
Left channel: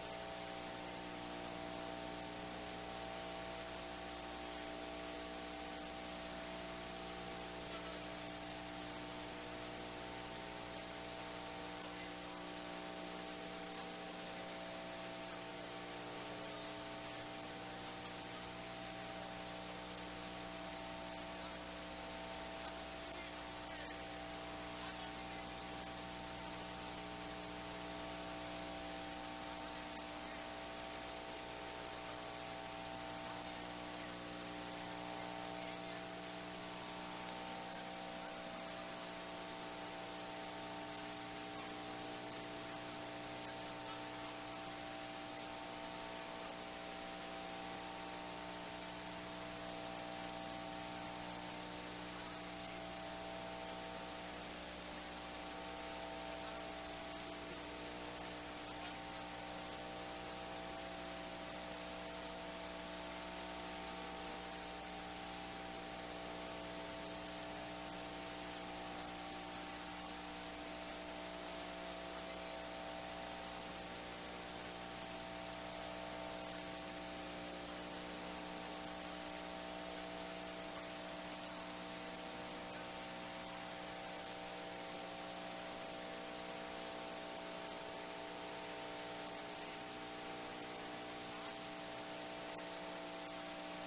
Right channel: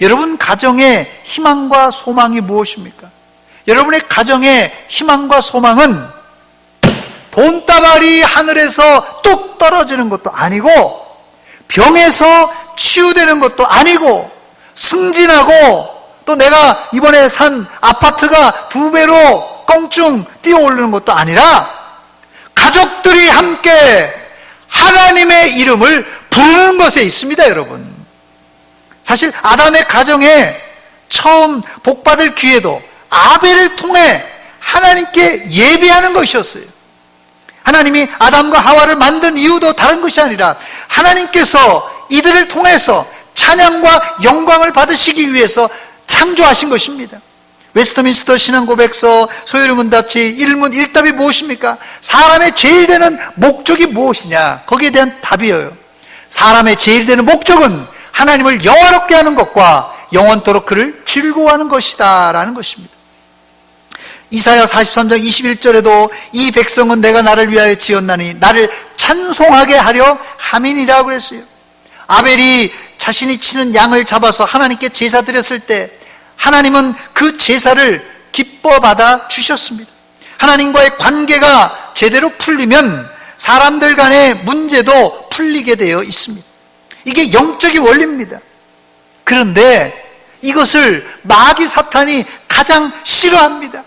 여러분 가정의 희망과 소망이 무엇입니까? 여러분의 가정의 희망과 소망은 돈다발이 하늘에서 뚝 떨어지는 것도 아니고 병에서 치유되는 것도 아니고 승진하고 또 내가 이번에 산 아파트가 2배로 껑충 뛰어오르는 것도 아니라 가족들이 함께 하나님의 이름을 부르는 것에 있습니다. 여러분, 사실 아담의 가정에 처음 복받을 기회도 아벨을 통해 하나님께 예배하는 것이었어요. 하나님이 아담과 하와를 만든 이유도 다른 것이 아니라 하나님께서 이들을 통해서 찬양과 영광을 받으시기 위해서 창조하신 것입니다. 웨스트민스터 신앙고백서 소요리문답지 1문 1답이 무엇입니까? 사람의 제일 되는 목적이 무엇이냐? 거기에 대한 답이에요. 사람의 제일 되는 목적은 하나님을 영화롭게 하는 것과 영원토록 그를 즐거워하는 것이다 라는 것입니다. 이사야 43장 21절에도 이 백성은 내가 나를 위하여 지었나니 나를 찬송하게 하려 함이니라 그랬어요. 아벨이 자신이 치는 양을 잡아서 하나님께 제사 드렸을 때 하나님은 그 제사를 기뻐 받아 주셨습니다. 하나님과의 관계가 제대로 풀리면 사람들 간의 문제도 풀리게 되어 있습니다. 이게 영적인 원리입니다. 그런데 이것을 마귀 사탄이 가장 싫어합니다.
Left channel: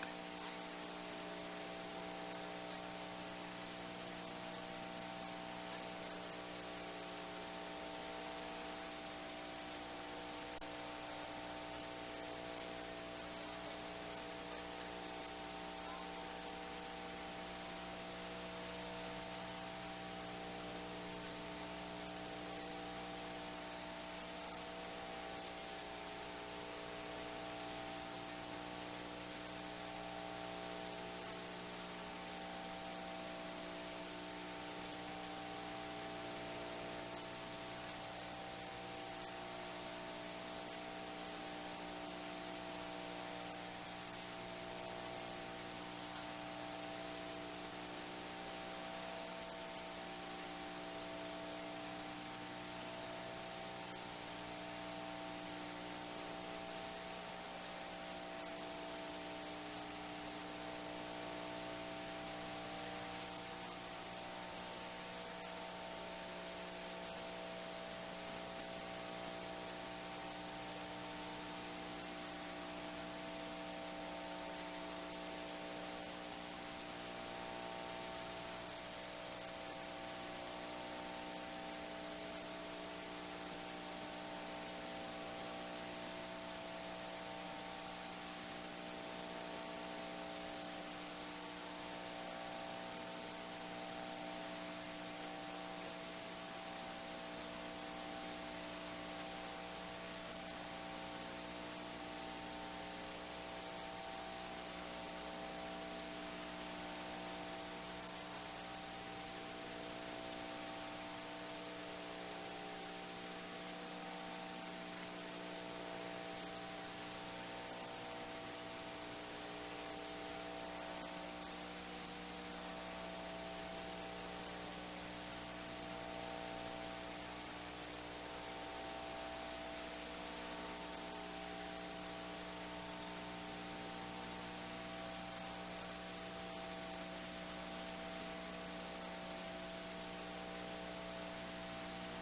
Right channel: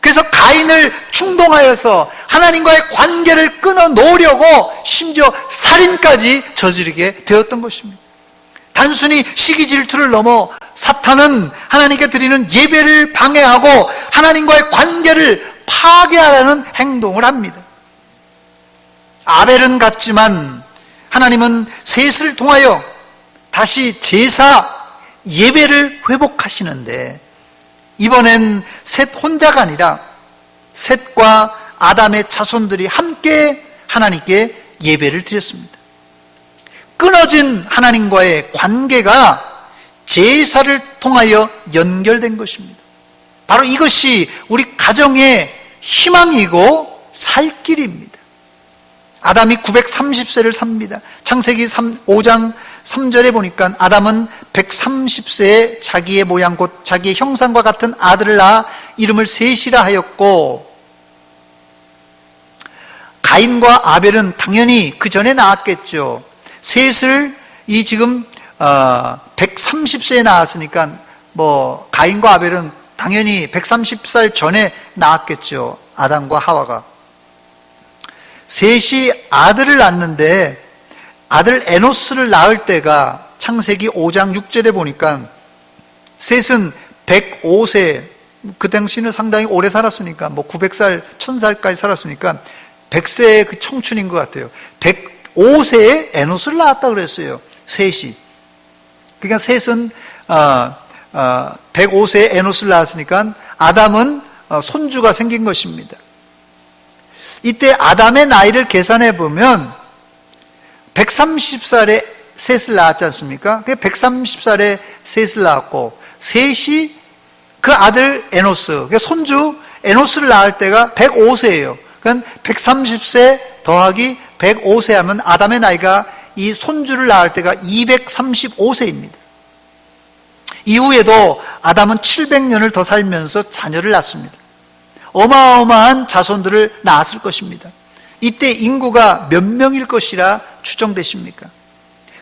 그래서 가인을 충동하여서 하나님과의 관계를 끊어 놓으려고 심지어 살인까지 저지르게 되었던 것입니다. 단순히 시기 질투를 넘어 사탄은 하나님께 드리는 예배를 방해하고 하나님과의 관계를 파괴하려는 행동을 합니다. 아벨은 갔지만 하나님은 셋을 통하여 다시 제사 예배를 회복하시는데 이번엔 셋 혼자가 아니라 셋과 아담의 자손들이 함께 하나님께 예배를 드렸습니다. 끊어진 하나님과의 관계가 제사를 통하여 연결된 것입니다. 바로 이것이 우리 가정의 희망이고 살 길입니다. 아담이 930세를 삽니다. 창세기 5장 3절에 보니까 아담은 130세에 자기의 모양 곧 자기의 형상과 같은 아들을 낳아 이름을 셋이라 하였고, 가인과 아벨은 당연히 그 전에 낳았겠죠. 셋을 이 지금 130세에 낳았으니까 뭐 가인과 아벨은 당연히 130살 전에 낳았겠죠. 아담과 하와가. 셋이 아들을 낳는데 아들 에노스를 낳을 때가 창세기 5장 6절에 보니까 셋은 105세, 그 당시는 상당히 오래 살았으니까 뭐 900살, 1000살까지 살았으니까 100세의 그 청춘인 것 같아요. 105세에 에노스를 낳았다 그랬어요. 셋이. 그러니까 셋은 105세에 에노스를 낳았으니까 아담은 손주가 생긴 것입니다. 이때 아담의 나이를 계산해 보면 130살에 셋을 낳았지 않습니까? 130살에 셋을 낳았고 셋이 그 아들 에노스, 그러니까 손주 에노스를 낳을 때가 105세예요. 그러니까 130세 더하기 105세 하면 아담의 나이가 이 손주를 낳을 때가 235세입니다. 이후에도 아담은 700년을 더 살면서 자녀를 낳습니다. 어마어마한 자손들을 낳았을 것입니다. 이때 인구가 몇 명일 것이라 추정되십니까?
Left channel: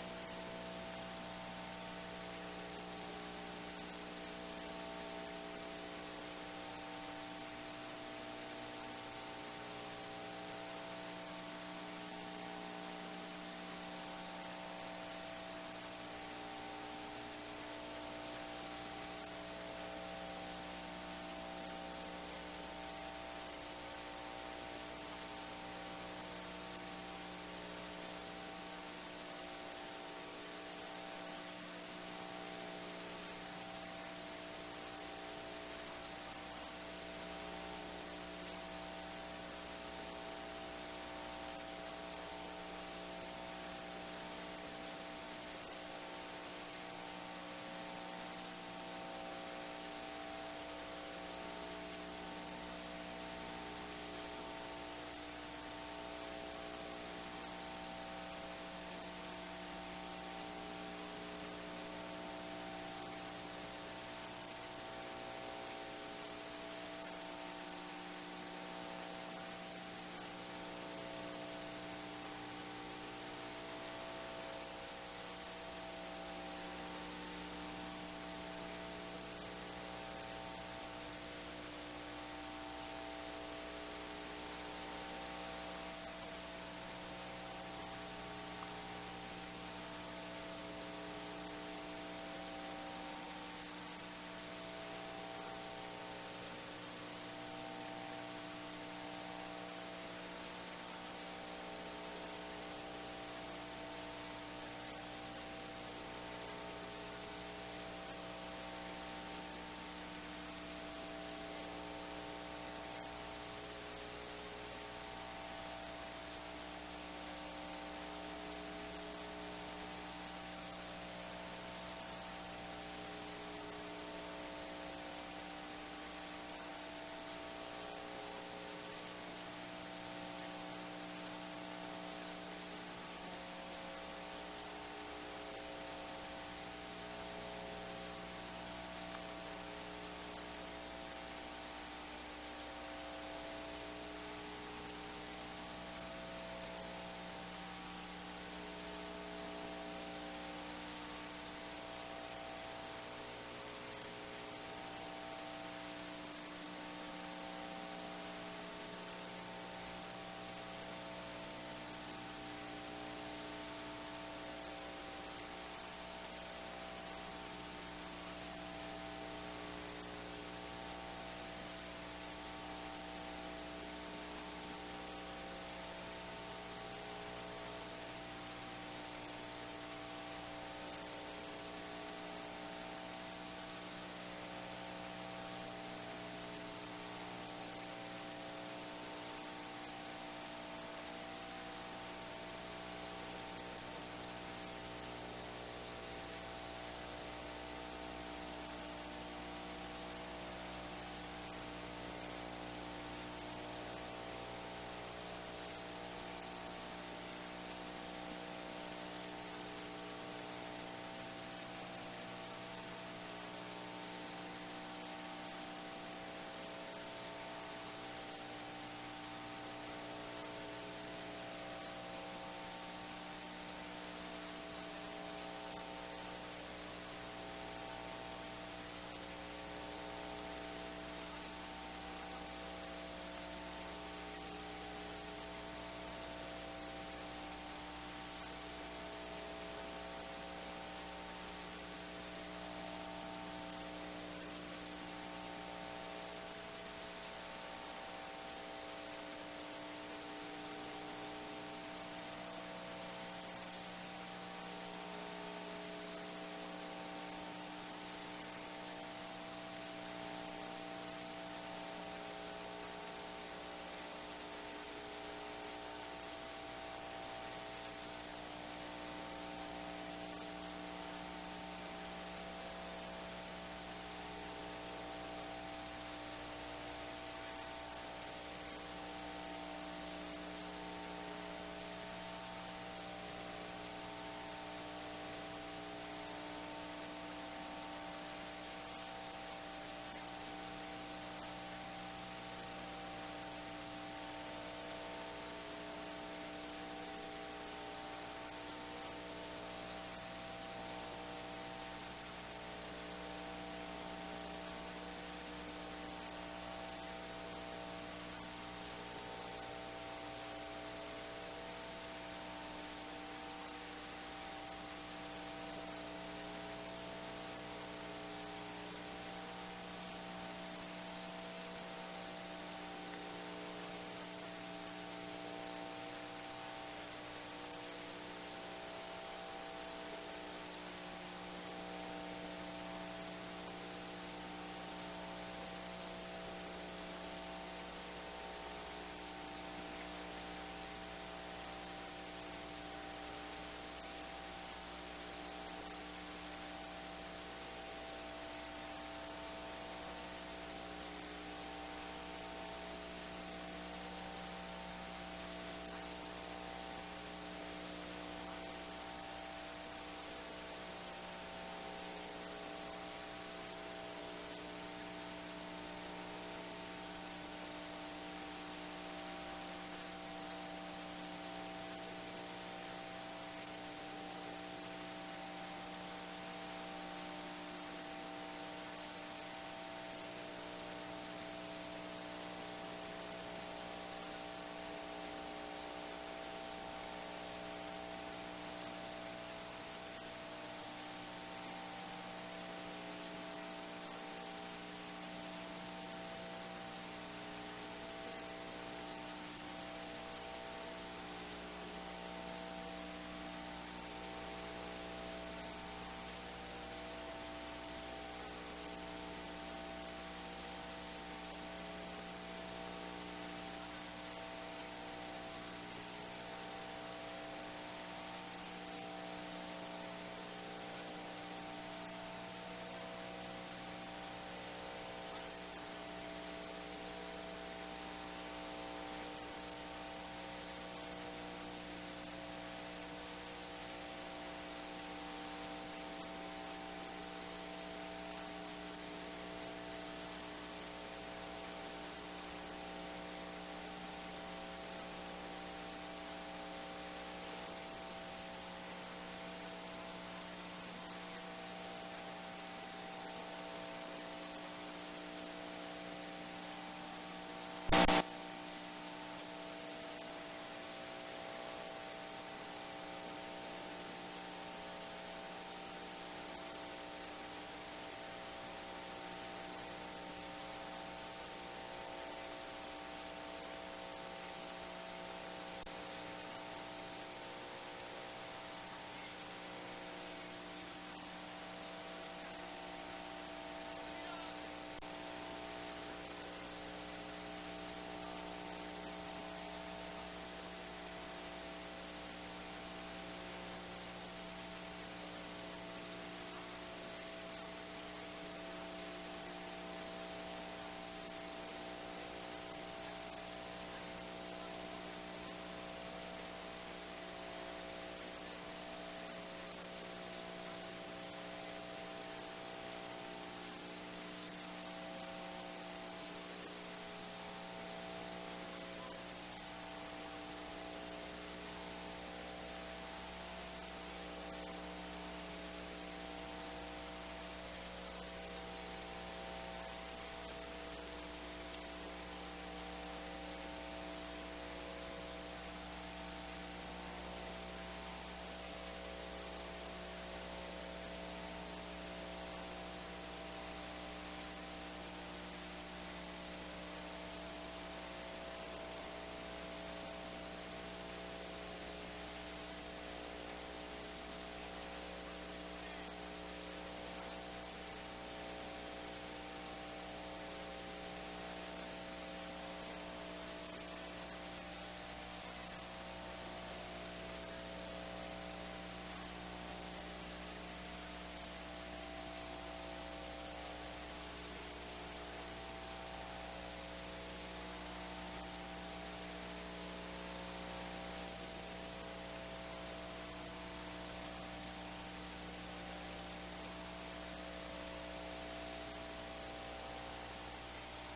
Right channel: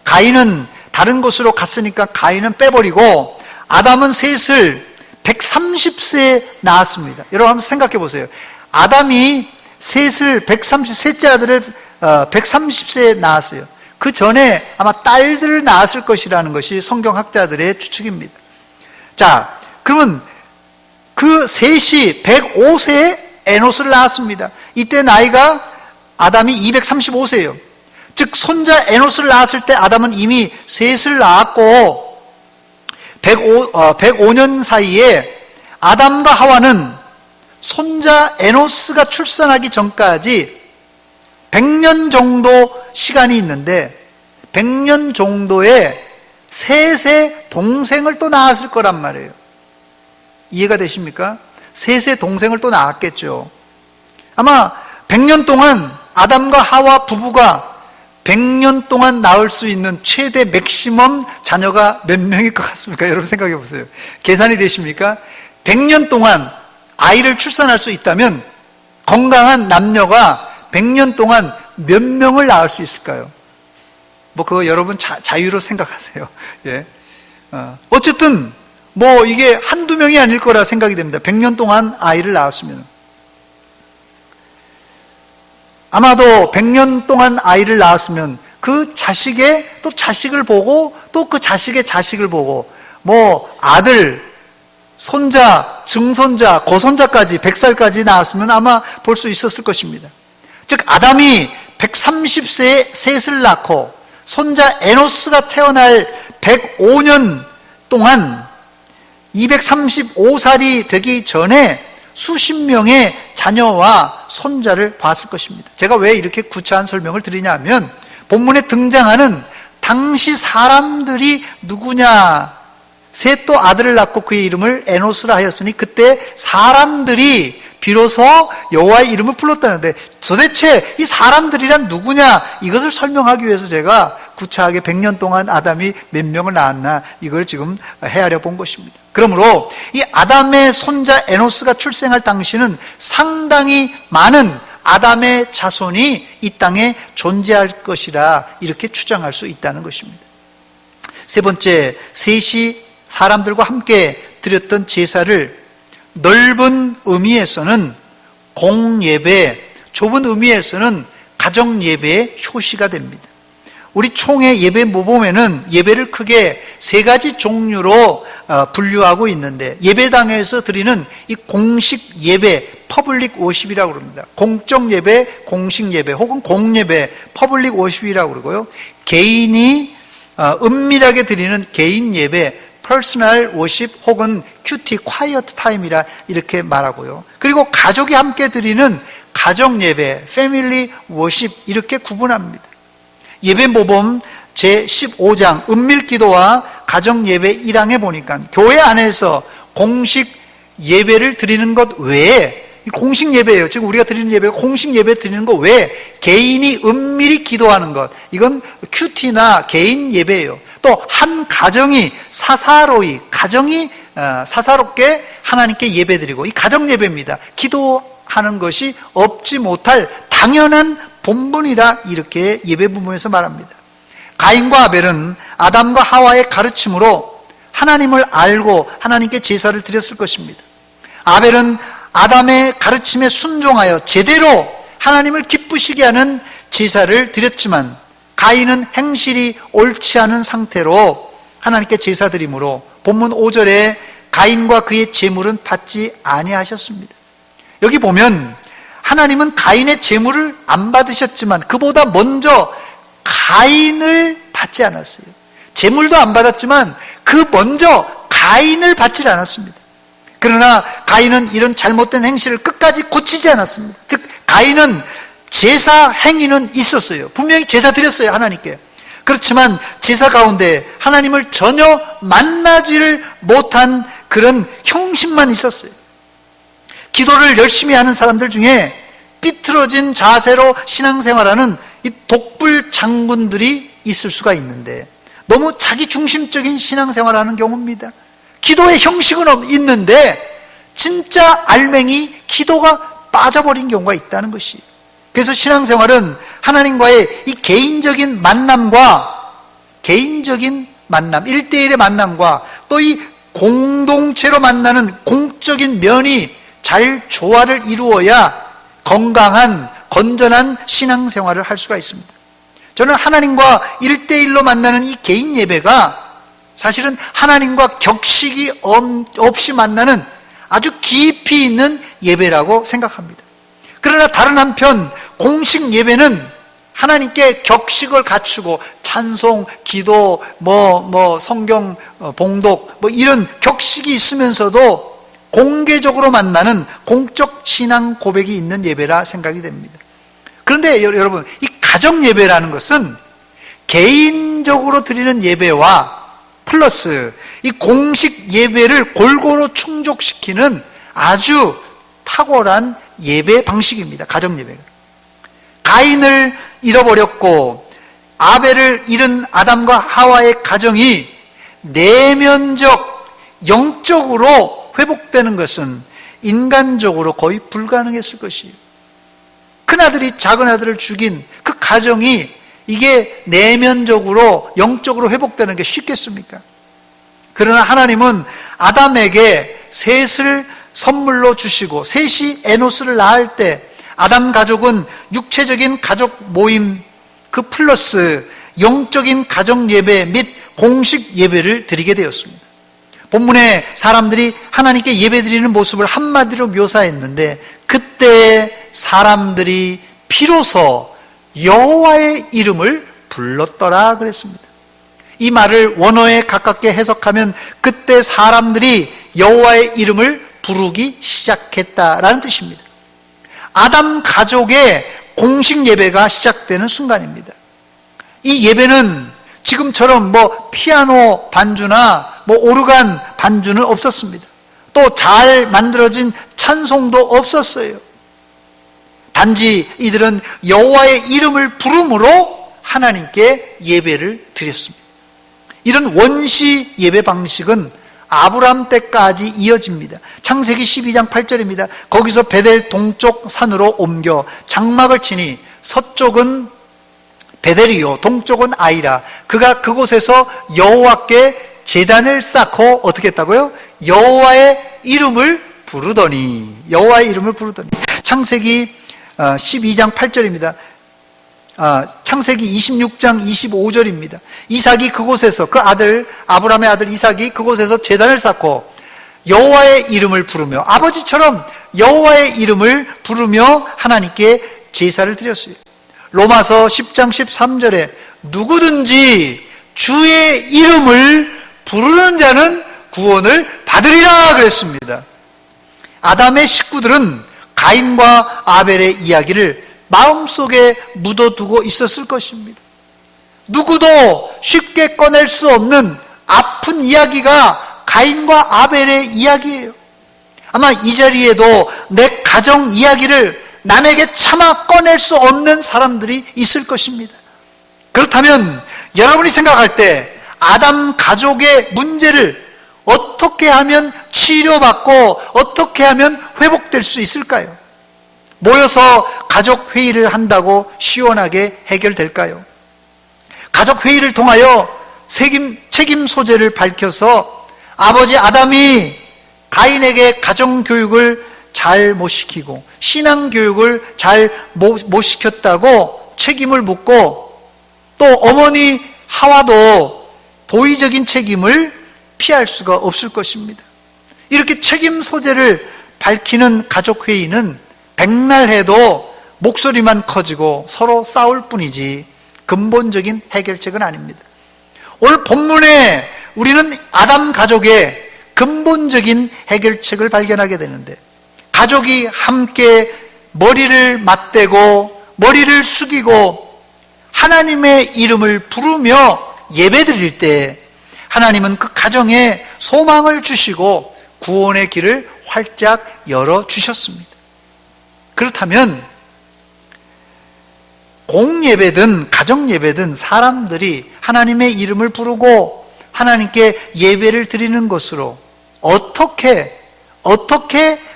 가인은 다른 곳으로 갔으니까 가인은 빼버리고 아담은 셋을 130세에 낳았습니다. 여러분 한번 생각해 보세요. 아담이 셋을 셋째 아들을 130세에 낳았어요. 그 전에 아마 딸들을 낳았을 것이라는 것이 성경학자들의 추측입니다. 자, 그러면 그 셋이 105세에 에노스를 낳았습니다. 이때 나이가 아담이 235세예요. 즉 손자 에노스를 낳았을 때 아담은 이미 셋을 낳았고 105년 사이에 아담과 하와는 손자 에노스가 출산하기 전까지 100년 정도 시간이 있는데 100년 정도의 셋의 동생을 또 낳았을 거란 말이에요. 이해가 되십니까? 셋의 동생을 또 낳았겠죠. 아마 100년 동안 아담과 하와 부부가 100년 동안 낳을 수 있는 최대 맥시멈 자녀가 몇 명일 것 같습니까? 여러분 생각해 보세요. 계산이 되십니까? 100년 동안 아이를 출산할 수 있다면 건강한 남녀가 100년 동안 몇 명을 낳을 수 있을까요? 뭐 그거 여러분 자유로 생각하세요. 예. 어쨌든 뭐 이게 한두 명이 아닐 거라 생각이 됩니다. 100년 동안 아이를 낳았으면. 아마도 100년 동안 아이를 낳았으면 그 자식의 또 자식을 보고 또 그 자식의 자식을 보고 뭐 아들, 손자, 증손자, 고손자까지 100살까지 낳았으면 아마 볼 수 있었을 것입니다. 즉 아담이 130세에 셋을 낳고 손자 에노스가 태어날 105년 동안 235살이 되기 전에 수십 명의 자녀와 손자를 봤을 것입니다. 제가 왜 이렇게 구차한 설명을 드리냐면 본문에 등장하는 당시 사람들이 누구냐, 셋도 아들을 낳고 그의 이름을 에노스라 하였으니 그때 사람들이 비로소 여호와의 이름을 불렀다는데 도대체 이 사람들이란 누구냐, 이것을 설명하기 위해서 제가 구차하게 100년 동안 아담이 몇 명을 낳았나 이걸 지금 헤아려 본 것입니다. 그러므로 이 아담의 손자 에노스가 출생할 당시는 상당히 많은 아담의 자손이 이 땅에 존재할 것이라 이렇게 추정할 수 있다는 것입니다. 세 번째, 셋이 사람들과 함께 드렸던 제사를 넓은 의미에서는 공예배, 좁은 의미에서는 가정예배의 효시가 됩니다. 우리 총회 예배 모범에는 예배를 크게 세 가지 종류로 분류하고 있는데 예배당에서 드리는 이 공식 예배, 퍼블릭 워십이라고 그럽니다. 공적 예배, 공식 예배 혹은 공예배, 퍼블릭 워십이라고 그러고요. 개인이 은밀하게 드리는 개인 예배, 퍼스널 워십 혹은 큐티, 콰이어트 타임이라 이렇게 말하고요. 그리고 가족이 함께 드리는 가정 예배, 패밀리 워십 이렇게 구분합니다. 예배 모범 제15장 은밀기도와 가정예배 1항에 보니까 교회 안에서 공식 예배를 드리는 것 외에 공식 예배예요. 지금 우리가 드리는 예배가 공식 예배 드리는 것 외에 개인이 은밀히 기도하는 것, 이건 큐티나 개인 예배예요. 또 한 가정이 사사로이, 가정이 사사롭게 하나님께 예배드리고 이 가정 예배입니다. 기도하는 것이 없지 못할 당연한 본분이라 이렇게 예배 부분에서 말합니다. 가인과 아벨은 아담과 하와의 가르침으로 하나님을 알고 하나님께 제사를 드렸을 것입니다. 아벨은 아담의 가르침에 순종하여 제대로 하나님을 기쁘시게 하는 제사를 드렸지만 가인은 행실이 옳지 않은 상태로 하나님께 제사 드림으로 본문 5절에 가인과 그의 제물은 받지 아니하셨습니다. 여기 보면 하나님은 가인의 제물을 안 받으셨지만 그보다 먼저 가인을 받지 않았어요. 제물도 안 받았지만 그 먼저 가인을 받지 않았습니다. 그러나 가인은 이런 잘못된 행실을 끝까지 고치지 않았습니다. 즉 가인은 제사 행위는 있었어요. 분명히 제사 드렸어요, 하나님께. 그렇지만 제사 가운데 하나님을 전혀 만나지를 못한 그런 형식만 있었어요. 기도를 열심히 하는 사람들 중에 삐뚤어진 자세로 신앙생활하는 이 독불 장군들이 있을 수가 있는데, 너무 자기 중심적인 신앙생활하는 경우입니다. 기도의 형식은 있는데 진짜 알맹이 기도가 빠져버린 경우가 있다는 것이. 그래서 신앙생활은 하나님과의 이 개인적인 만남과, 개인적인 만남, 1대1의 만남과 또 이 공동체로 만나는 공적인 면이 잘 조화를 이루어야 건강한, 건전한 신앙생활을 할 수가 있습니다. 저는 하나님과 1대1로 만나는 이 개인 예배가 사실은 하나님과 격식이 없이 만나는 아주 깊이 있는 예배라고 생각합니다. 그러나 다른 한편 공식 예배는 하나님께 격식을 갖추고 찬송, 기도, 성경 봉독 이런 격식이 있으면서도 공개적으로 만나는 공적 신앙 고백이 있는 예배라 생각이 됩니다. 그런데 여러분, 이 가정 예배라는 것은 개인적으로 드리는 예배와 플러스 이 공식 예배를 골고루 충족시키는 아주 탁월한 예배 방식입니다. 가정 예배가. 가인을 잃어버렸고 아벨을 잃은 아담과 하와의 가정이 내면적, 영적으로 회복되는 것은 인간적으로 거의 불가능했을 것이에요. 큰아들이 작은아들을 죽인 그 가정이 이게 내면적으로, 영적으로 회복되는 게 쉽겠습니까? 그러나 하나님은 아담에게 셋을 선물로 주시고, 셋이 에노스를 낳을 때 아담 가족은 육체적인 가족 모임 그 플러스 영적인 가정 예배 및 공식 예배를 드리게 되었습니다. 본문에 사람들이 하나님께 예배드리는 모습을 한마디로 묘사했는데, 그때 사람들이 비로소 여호와의 이름을 불렀더라 그랬습니다. 이 말을 원어에 가깝게 해석하면 그때 사람들이 여호와의 이름을 부르기 시작했다라는 뜻입니다. 아담 가족의 공식 예배가 시작되는 순간입니다. 이 예배는 지금처럼 피아노 반주나 오르간 반주는 없었습니다. 또 잘 만들어진 찬송도 없었어요. 단지 이들은 여호와의 이름을 부름으로 하나님께 예배를 드렸습니다. 이런 원시 예배 방식은 아브람 때까지 이어집니다. 창세기 12장 8절입니다. 거기서 베델 동쪽 산으로 옮겨 장막을 치니 서쪽은 베델이요 동쪽은 아이라. 그가 그곳에서 여호와께 제단을 쌓고 어떻게 했다고요? 여호와의 이름을 부르더니. 창세기 12장 8절입니다. 창세기 26장 25절입니다. 이삭이 그곳에서, 그 아들 아브라함의 아들 이삭이 그곳에서 제단을 쌓고 여호와의 이름을 부르며, 아버지처럼 여호와의 이름을 부르며 하나님께 제사를 드렸어요. 로마서 10장 13절에 누구든지 주의 이름을 부르는 자는 구원을 받으리라 그랬습니다. 아담의 식구들은 가인과 아벨의 이야기를 마음속에 묻어두고 있었을 것입니다. 누구도 쉽게 꺼낼 수 없는 아픈 이야기가 가인과 아벨의 이야기예요. 아마 이 자리에도 내 가정 이야기를 남에게 차마 꺼낼 수 없는 사람들이 있을 것입니다. 그렇다면 여러분이 생각할 때 아담 가족의 문제를 어떻게 하면 치료받고 어떻게 하면 회복될 수 있을까요? 모여서 가족 회의를 한다고 시원하게 해결될까요? 가족 회의를 통하여 책임 소재를 밝혀서 아버지 아담이 가인에게 가정 교육을 잘 못 시키고 신앙 교육을 잘 못 시켰다고 책임을 묻고, 또 어머니 하와도 도의적인 책임을 피할 수가 없을 것입니다. 이렇게 책임 소재를 밝히는 가족 회의는 백날 해도 목소리만 커지고 서로 싸울 뿐이지 근본적인 해결책은 아닙니다. 오늘 본문에 우리는 아담 가족의 근본적인 해결책을 발견하게 되는데, 가족이 함께 머리를 맞대고 머리를 숙이고 하나님의 이름을 부르며 예배드릴 때 하나님은 그 가정에 소망을 주시고 구원의 길을 활짝 열어주셨습니다. 그렇다면 공예배든 가정예배든 사람들이 하나님의 이름을 부르고 하나님께 예배를 드리는 것으로 어떻게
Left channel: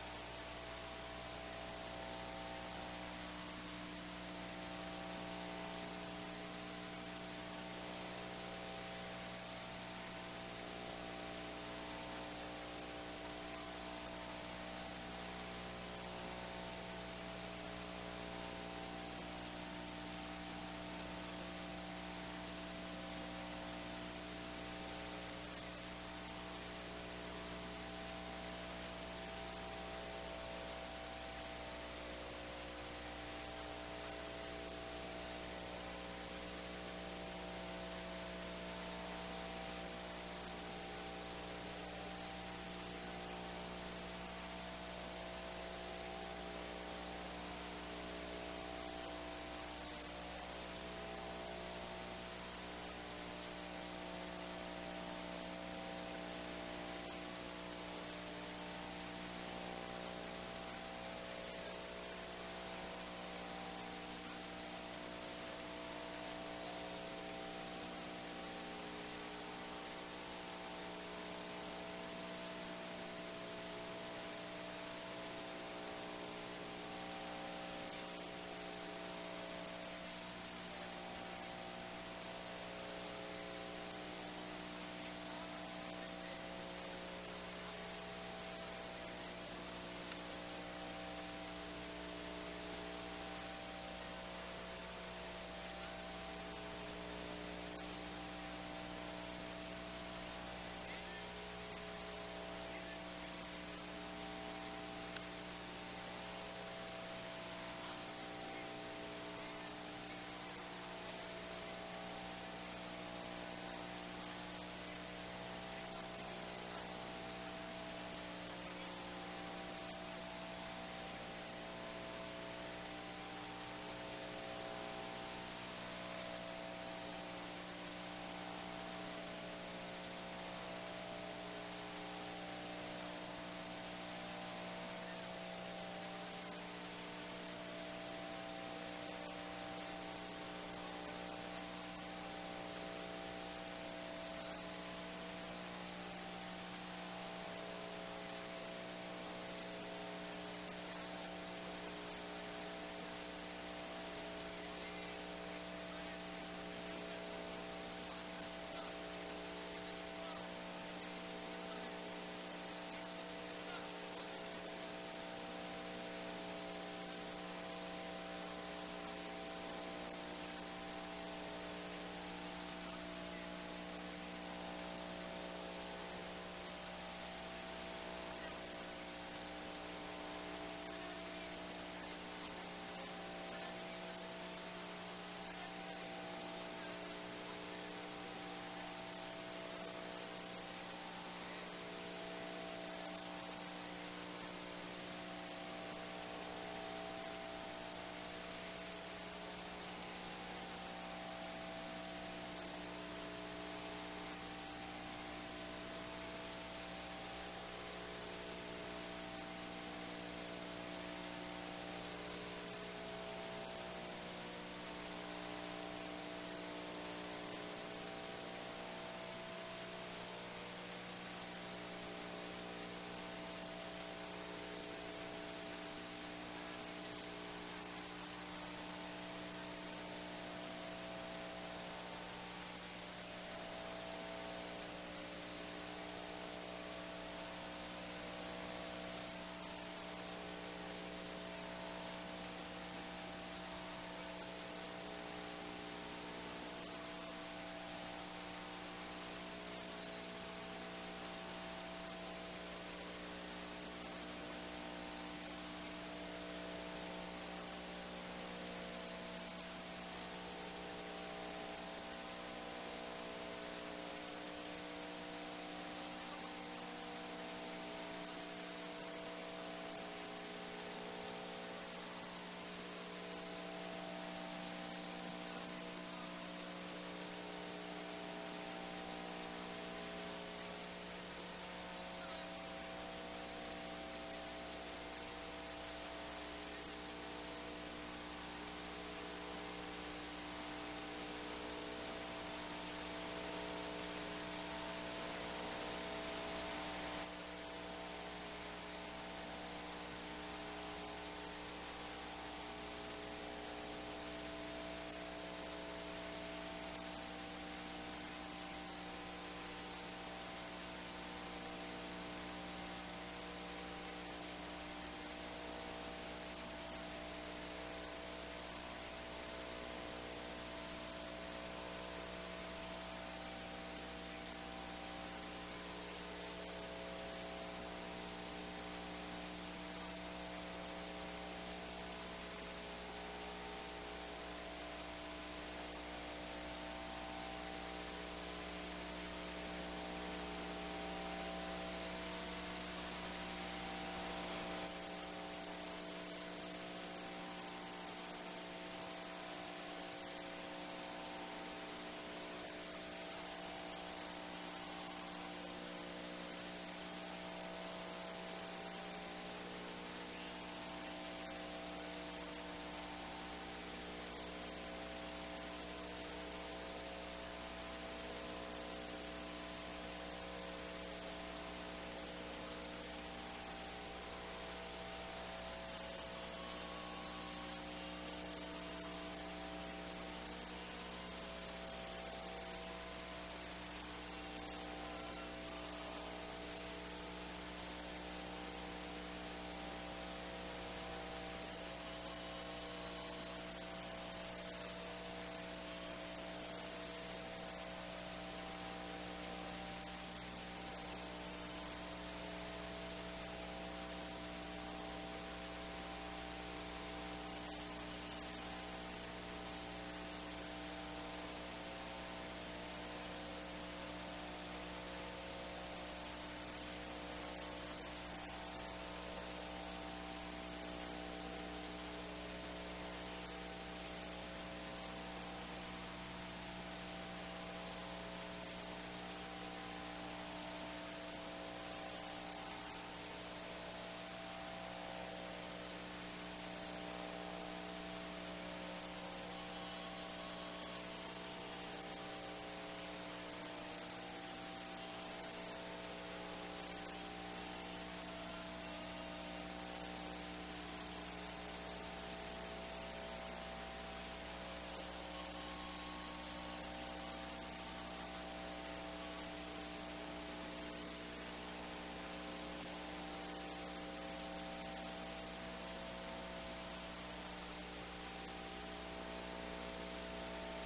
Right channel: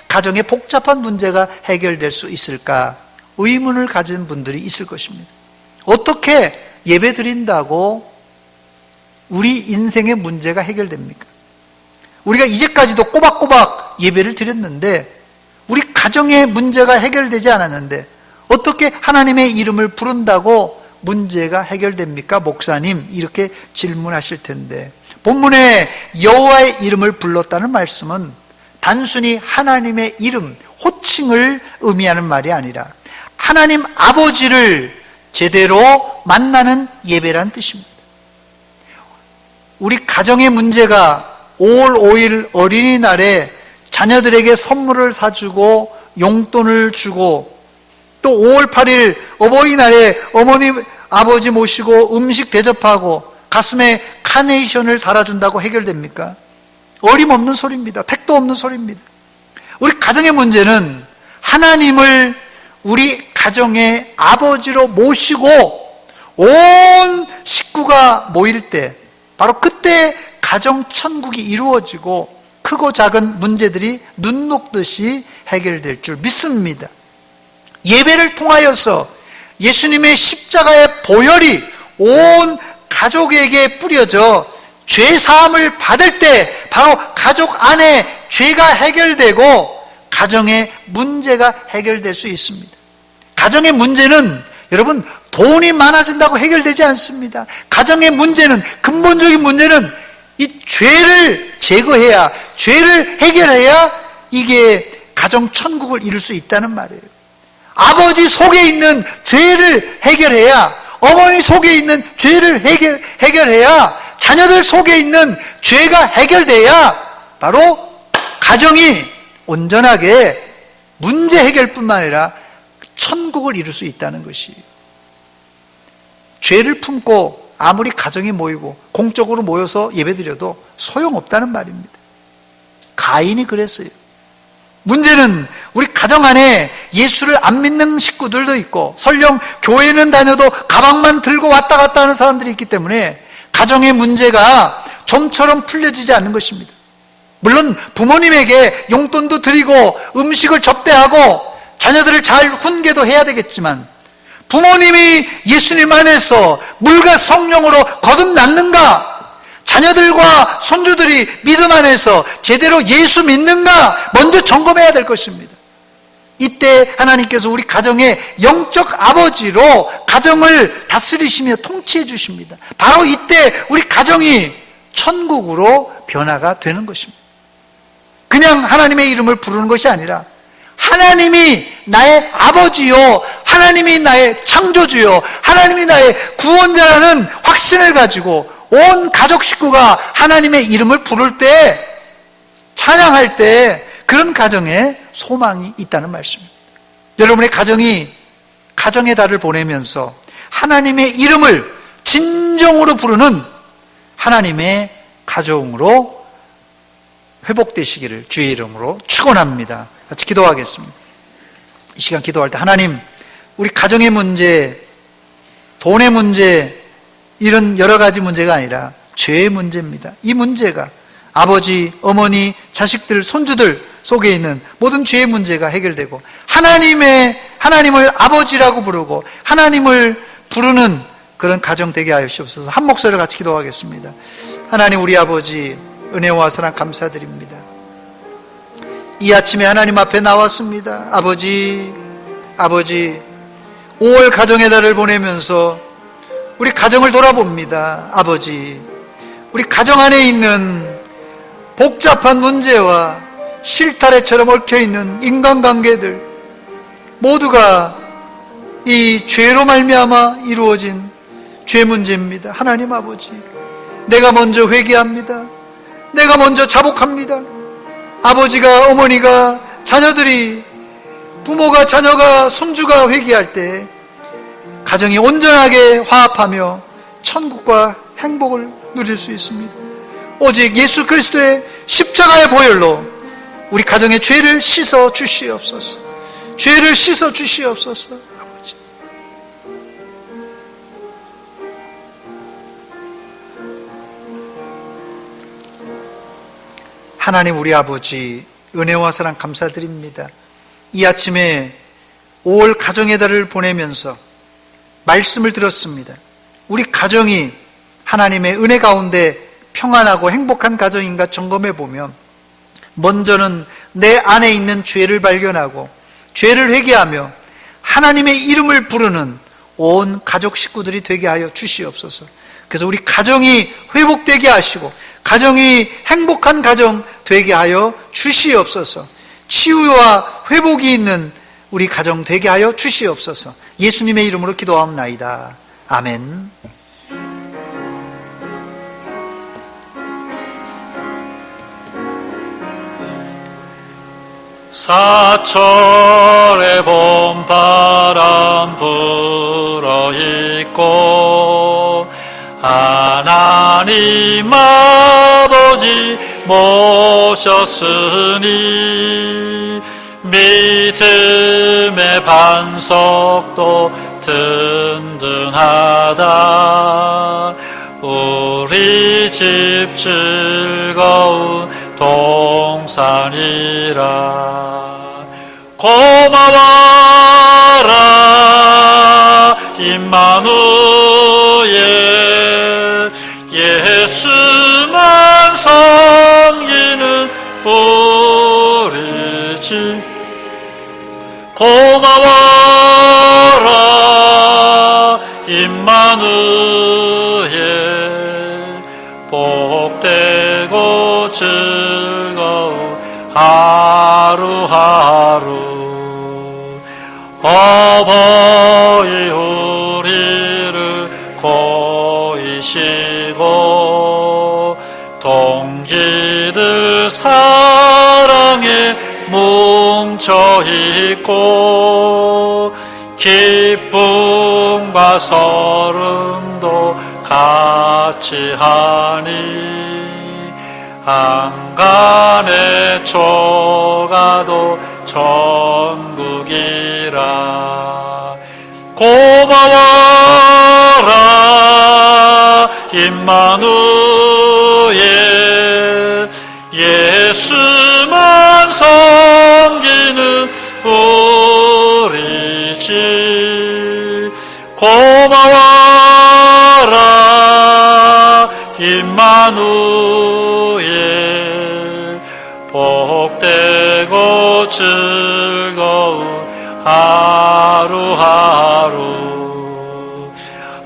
가정의 복잡한 문제가 해결될 수 있을까 의문을 가진 분들이 있을 것입니다. 어떻게 예배 드린다고 우리 인생의 문제가 해결됩니까? 우리가 이제까지도 꼬박꼬박 예배를 드렸는데 우리 가정의 문제가 해결되지 않았는데 어떻게 하나님의 이름을 부른다고 문제가 해결됩니까? 목사님, 이렇게 질문하실 텐데 본문에 여호와의 이름을 불렀다는 말씀은 단순히 하나님의 이름, 호칭을 의미하는 말이 아니라 하나님 아버지를 제대로 만나는 예배란 뜻입니다. 우리 가정의 문제가 5월 5일 어린이날에 자녀들에게 선물을 사주고 용돈을 주고 또 5월 8일 어버이날에 어머니 아버지 모시고 음식 대접하고 가슴에 카네이션을 달아준다고 해결됩니까? 어림없는 소리입니다. 택도 없는 소리입니다. 우리 가정의 문제는 하나님을 우리 가정의 아버지로 모시고 온 식구가 모일 때 바로 그때 가정 천국이 이루어지고 크고 작은 문제들이 눈 녹듯이 해결될 줄 믿습니다. 예배를 통하여서 예수님의 십자가의 보혈이 온 가족에게 뿌려져 죄 사함을 받을 때 바로 가족 안에 죄가 해결되고 가정의 문제가 해결될 수 있습니다. 가정의 문제는 여러분 돈이 많아진다고 해결되지 않습니다. 가정의 문제는 근본적인 문제는 이 죄를 제거해야 죄를 해결해야 이게 가정 천국을 이룰 수 있다는 말이에요. 아버지 속에 있는 죄를 해결해야 어머니 속에 있는 죄를 해결해야 자녀들 속에 있는 죄가 해결돼야 바로 가정이 온전하게 문제 해결뿐만 아니라 천국을 이룰 수 있다는 것이에요. 죄를 품고 아무리 가정이 모이고 공적으로 모여서 예배드려도 소용없다는 말입니다. 가인이 그랬어요. 문제는 우리 가정 안에 예수를 안 믿는 식구들도 있고 설령 교회는 다녀도 가방만 들고 왔다 갔다 하는 사람들이 있기 때문에 가정의 문제가 좀처럼 풀려지지 않는 것입니다. 물론 부모님에게 용돈도 드리고 음식을 접대하고 자녀들을 잘 훈계도 해야 되겠지만 부모님이 예수님 안에서 물과 성령으로 거듭났는가? 자녀들과 손주들이 믿음 안에서 제대로 예수 믿는가? 먼저 점검해야 될 것입니다. 이때 하나님께서 우리 가정의 영적 아버지로 가정을 다스리시며 통치해 주십니다. 바로 이때 우리 가정이 천국으로 변화가 되는 것입니다. 그냥 하나님의 이름을 부르는 것이 아니라 하나님이 나의 아버지요, 하나님이 나의 창조주요, 하나님이 나의 구원자라는 확신을 가지고 온 가족 식구가 하나님의 이름을 부를 때, 찬양할 때 그런 가정에 소망이 있다는 말씀입니다. 여러분의 가정이 가정의 달을 보내면서 하나님의 이름을 진정으로 부르는 하나님의 가정으로 회복되시기를 주의 이름으로 축원합니다. 같이 기도하겠습니다. 이 시간 기도할 때 하나님, 우리 가정의 문제, 돈의 문제, 이런 여러 가지 문제가 아니라 죄의 문제입니다. 이 문제가 아버지, 어머니, 자식들, 손주들 속에 있는 모든 죄의 문제가 해결되고 하나님을 아버지라고 부르고 하나님을 부르는 그런 가정 되게 하시옵소서. 한 목소리로 같이 기도하겠습니다. 하나님, 우리 아버지 은혜와 사랑 감사드립니다. 이 아침에 하나님 앞에 나왔습니다. 아버지 5월 가정의 달을 보내면서 우리 가정을 돌아봅니다. 아버지, 우리 가정 안에 있는 복잡한 문제와 실타래처럼 얽혀있는 인간관계들 모두가 이 죄로 말미암아 이루어진 죄 문제입니다. 하나님 아버지, 내가 먼저 회개합니다. 내가 먼저 자복합니다. 아버지가, 어머니가, 자녀들이 부모가 자녀가 손주가 회개할 때 가정이 온전하게 화합하며 천국과 행복을 누릴 수 있습니다. 오직 예수 그리스도의 십자가의 보혈로 우리 가정의 죄를 씻어 주시옵소서. 죄를 씻어 주시옵소서. 아버지. 하나님 우리 아버지 은혜와 사랑 감사드립니다. 이 아침에 5월 가정의 달을 보내면서 말씀을 들었습니다. 우리 가정이 하나님의 은혜 가운데 평안하고 행복한 가정인가 점검해 보면 먼저는 내 안에 있는 죄를 발견하고 죄를 회개하며 하나님의 이름을 부르는 온 가족 식구들이 되게 하여 주시옵소서. 그래서 우리 가정이 회복되게 하시고 가정이 행복한 가정 되게 하여 주시옵소서. 치유와 회복이 있는 우리 가정 되게 하여 주시옵소서. 예수님의 이름으로 기도하옵나이다. 아멘. 사철의 봄바람 불어있고 하나님 아버지 모셨으니 믿음의 반석도 든든하다. 우리 집 즐거운 동산이라. 고마워라 임마누엘 예수만 섬기는 우리 집. 고마워라 임마누엘 복되고 즐거운 하루하루. 어버이 우리를 고이시고 동기들 사랑에 뭉쳐있고 기쁨과 서름도 같이 하니 한간의 초가도 천국이라. 고마워라 임마누엘 예수만 섬기는 우리 집. 고마워라 임마누엘 복되고 즐거운 하루하루.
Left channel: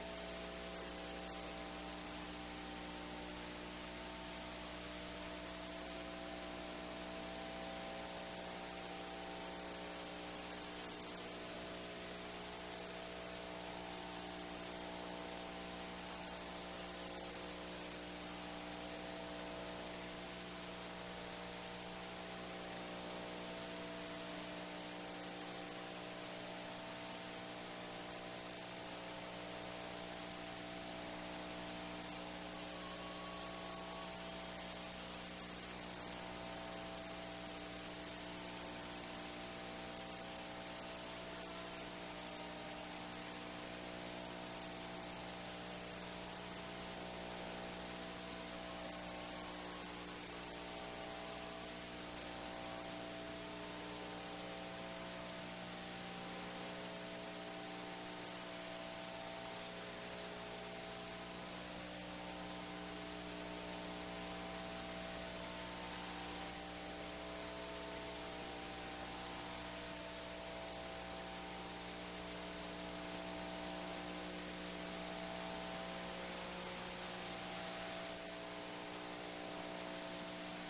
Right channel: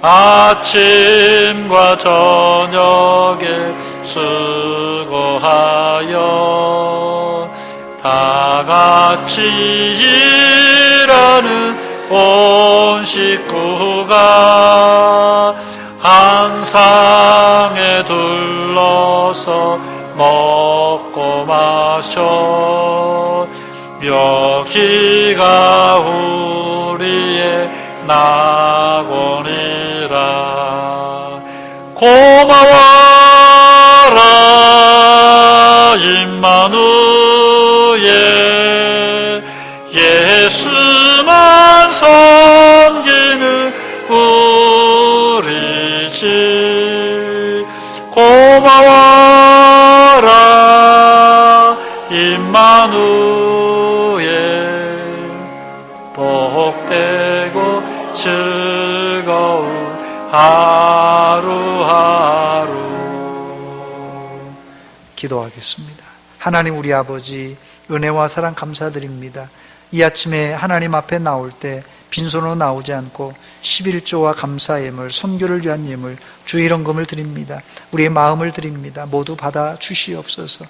아침과 저녁에 수고하여 다 같이 일하는 온 식구가 한 상에 둘러서 먹고 마셔. 여기가 우리의 낙원이라. 고마워라 임마누엘 예수만 섬기는 우리 집. 고마워라 임마누엘 복되고 즐거운 하루하루. 기도하겠습니다. 하나님 우리 아버지 은혜와 사랑 감사드립니다. 이 아침에 하나님 앞에 나올 때 빈손으로 나오지 않고 11조와 감사 예물, 선교를 위한 예물, 주의 헌금을 드립니다. 우리의 마음을 드립니다. 모두 받아 주시옵소서.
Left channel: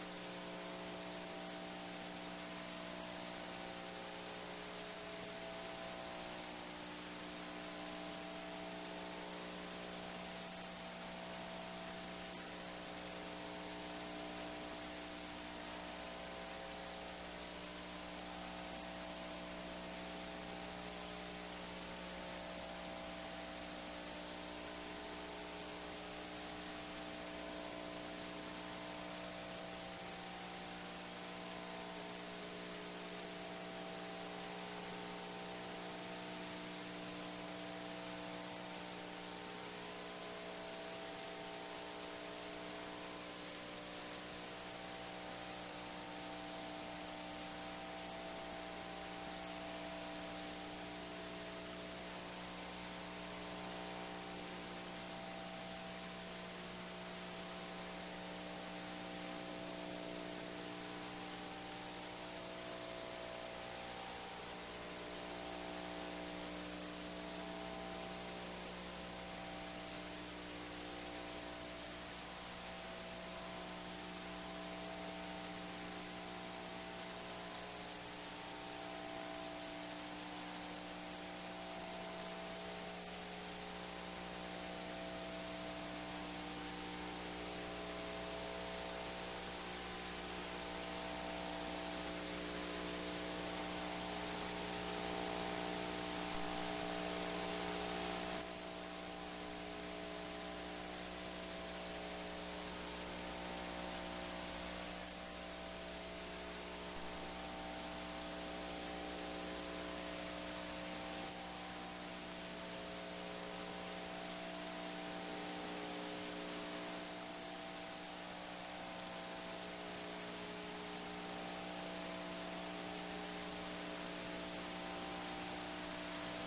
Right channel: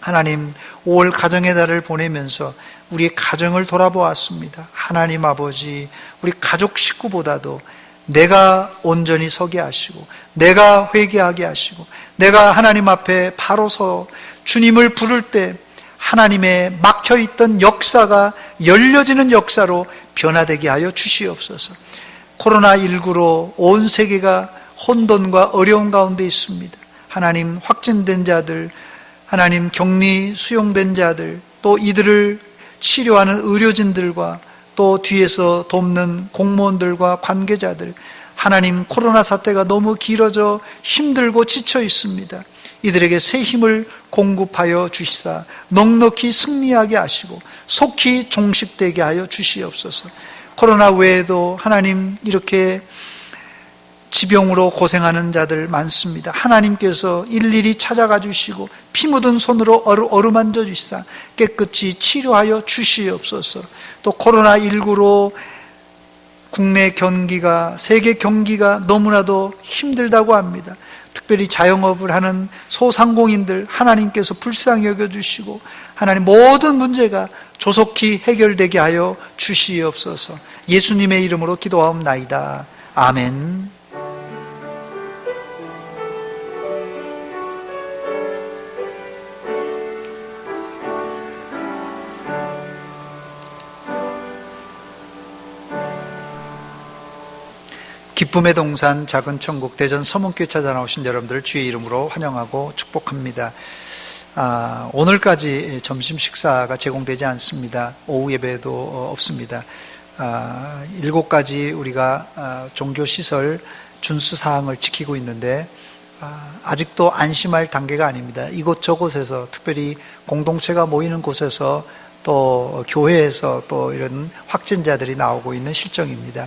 하나님 5월 가정의 달을 보내면서 우리의 가정을 돌아보았습니다. 하나님 아버지 우리 가족 식구보다도 내가 온전히 서게 하시고 내가 회개하게 하시고 내가 하나님 앞에 바로 서 주님을 부를 때 하나님의 막혀있던 역사가 열려지는 역사로 변화되게 하여 주시옵소서. 코로나19로 온 세계가 혼돈과 어려움 가운데 있습니다. 하나님, 확진된 자들, 하나님 격리 수용된 자들, 또 이들을 치료하는 의료진들과 또 뒤에서 돕는 공무원들과 관계자들, 하나님, 코로나 사태가 너무 길어져 힘들고 지쳐 있습니다. 이들에게 새 힘을 공급하여 주시사 넉넉히 승리하게 하시고 속히 종식되게 하여 주시옵소서. 코로나 외에도 하나님, 이렇게 지병으로 고생하는 자들 많습니다. 하나님께서 일일이 찾아가 주시고 피 묻은 손으로 어루만져 주시사 깨끗이 치료하여 주시옵소서. 또 코로나19로 국내 경기가, 세계 경기가 너무나도 힘들다고 합니다. 특별히 자영업을 하는 소상공인들 하나님께서 불쌍히 여겨주시고 하나님, 모든 문제가 조속히 해결되게 하여 주시옵소서. 예수님의 이름으로 기도하옵나이다. 아멘. 기쁨의 동산 작은 천국 대전 서문교회 찾아 나오신 여러분들을 주의 이름으로 환영하고 축복합니다. 오늘까지 점심 식사가 제공되지 않습니다. 오후 예배도 없습니다. 7가지 우리가 종교시설 준수사항을 지키고 있는데 아직도 안심할 단계가 아닙니다. 이곳저곳에서, 특별히 공동체가 모이는 곳에서 또 교회에서 또 이런 확진자들이 나오고 있는 실정입니다.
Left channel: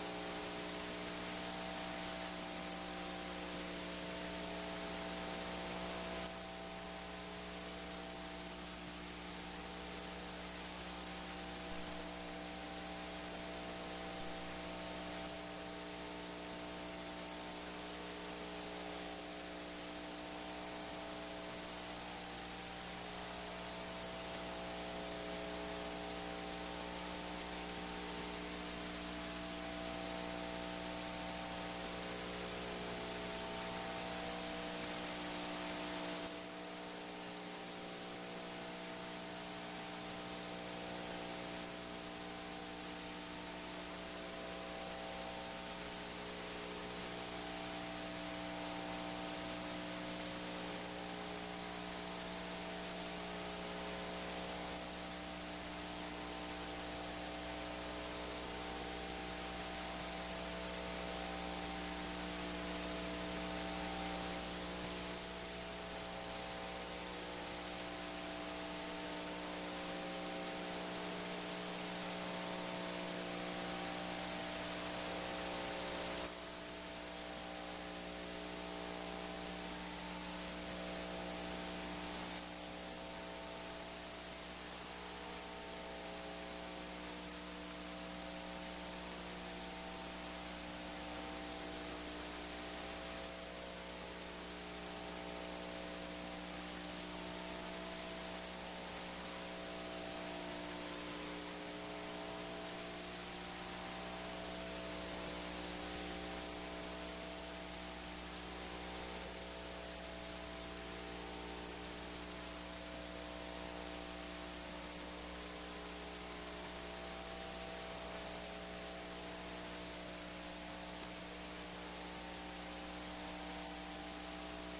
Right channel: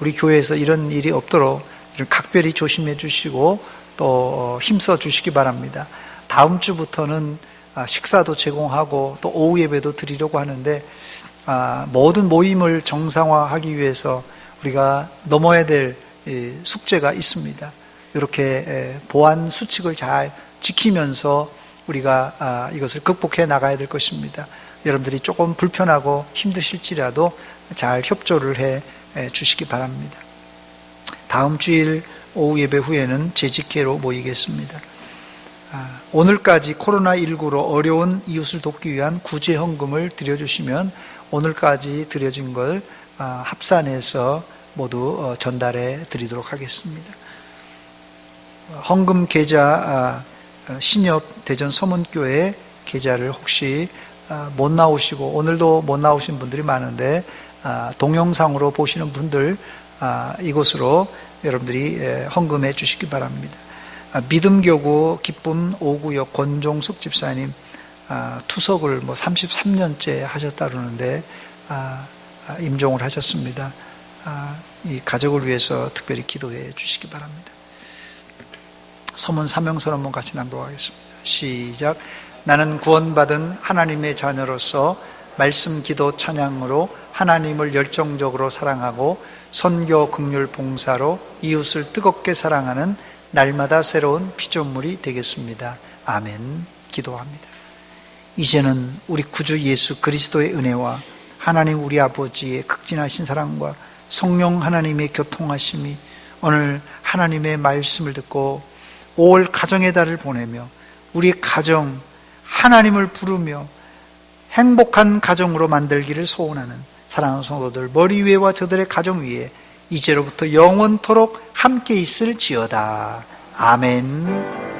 우리 교회에서 이런 일이 없도록 각별히 조심해 주시고 또 힘써 주시기 바랍니다. 다음 주부터는 식사도 제공하고 또 오후 예배도 드리려고 하는데 모든 모임을 정상화하기 위해서 우리가 넘어야 될 숙제가 있습니다. 이렇게 보안 수칙을 잘 지키면서 우리가 이것을 극복해 나가야 될 것입니다. 여러분들이 조금 불편하고 힘드실지라도 잘 협조를 해 주시기 바랍니다. 다음 주일 오후 예배 후에는 재직회로 모이겠습니다. 오늘까지 코로나19로 어려운 이웃을 돕기 위한 구제 헌금을 드려주시면 오늘까지 드려진 걸 합산해서 모두 전달해 드리도록 하겠습니다. 헌금 계좌 신협 대전 서문교회 계좌를 혹시 못 나오시고 오늘도 못 나오신 분들이 많은데 동영상으로 보시는 분들 이곳으로 여러분들이 헌금해 주시기 바랍니다. 믿음교구 기쁨 5구역 권종숙 집사님 투석을 33년째 하셨다 그러는데 임종을 하셨습니다. 이 가족을 위해서 특별히 기도해 주시기 바랍니다. 서문 사명선 한번 같이 낭독하겠습니다. 시작. 나는 구원받은 하나님의 자녀로서 말씀, 기도, 찬양으로 하나님을 열정적으로 사랑하고 선교, 긍휼, 봉사로 이웃을 뜨겁게 사랑하는 날마다 새로운 피조물이 되겠습니다. 아멘. 기도합니다. 이제는 우리 구주 예수 그리스도의 은혜와 하나님 우리 아버지의 극진하신 사랑과 성령 하나님의 교통하심이 오늘 하나님의 말씀을 듣고 5월 가정의 달을 보내며 우리 가정 하나님을 부르며 행복한 가정으로 만들기를 소원하는 사랑하는 성도들 머리 위에와 저들의 가정 위에 이제로부터 영원토록 함께 있을지어다. 아멘.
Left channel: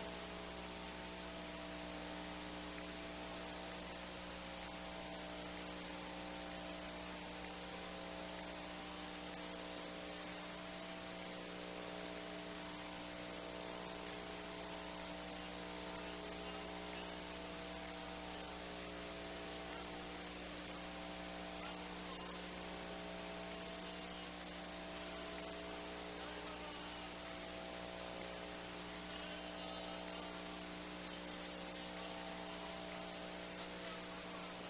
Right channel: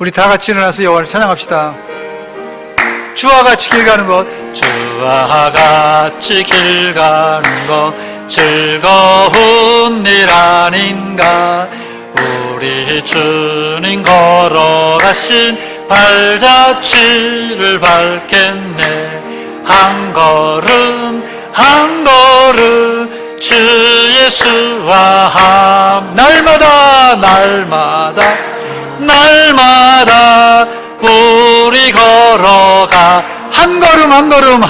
우리 다 같이 일어나서 여호와를 찬양합시다. 주와 같이 길 가는 것, 주와 같이 길 가는 것 즐거운 일 아닌가. 우리 주님 걸어가신 발자취를 밟겠네. 한 걸음 한 걸음 주 예수와 날마다 우리 걸어가 한 걸음 한 걸음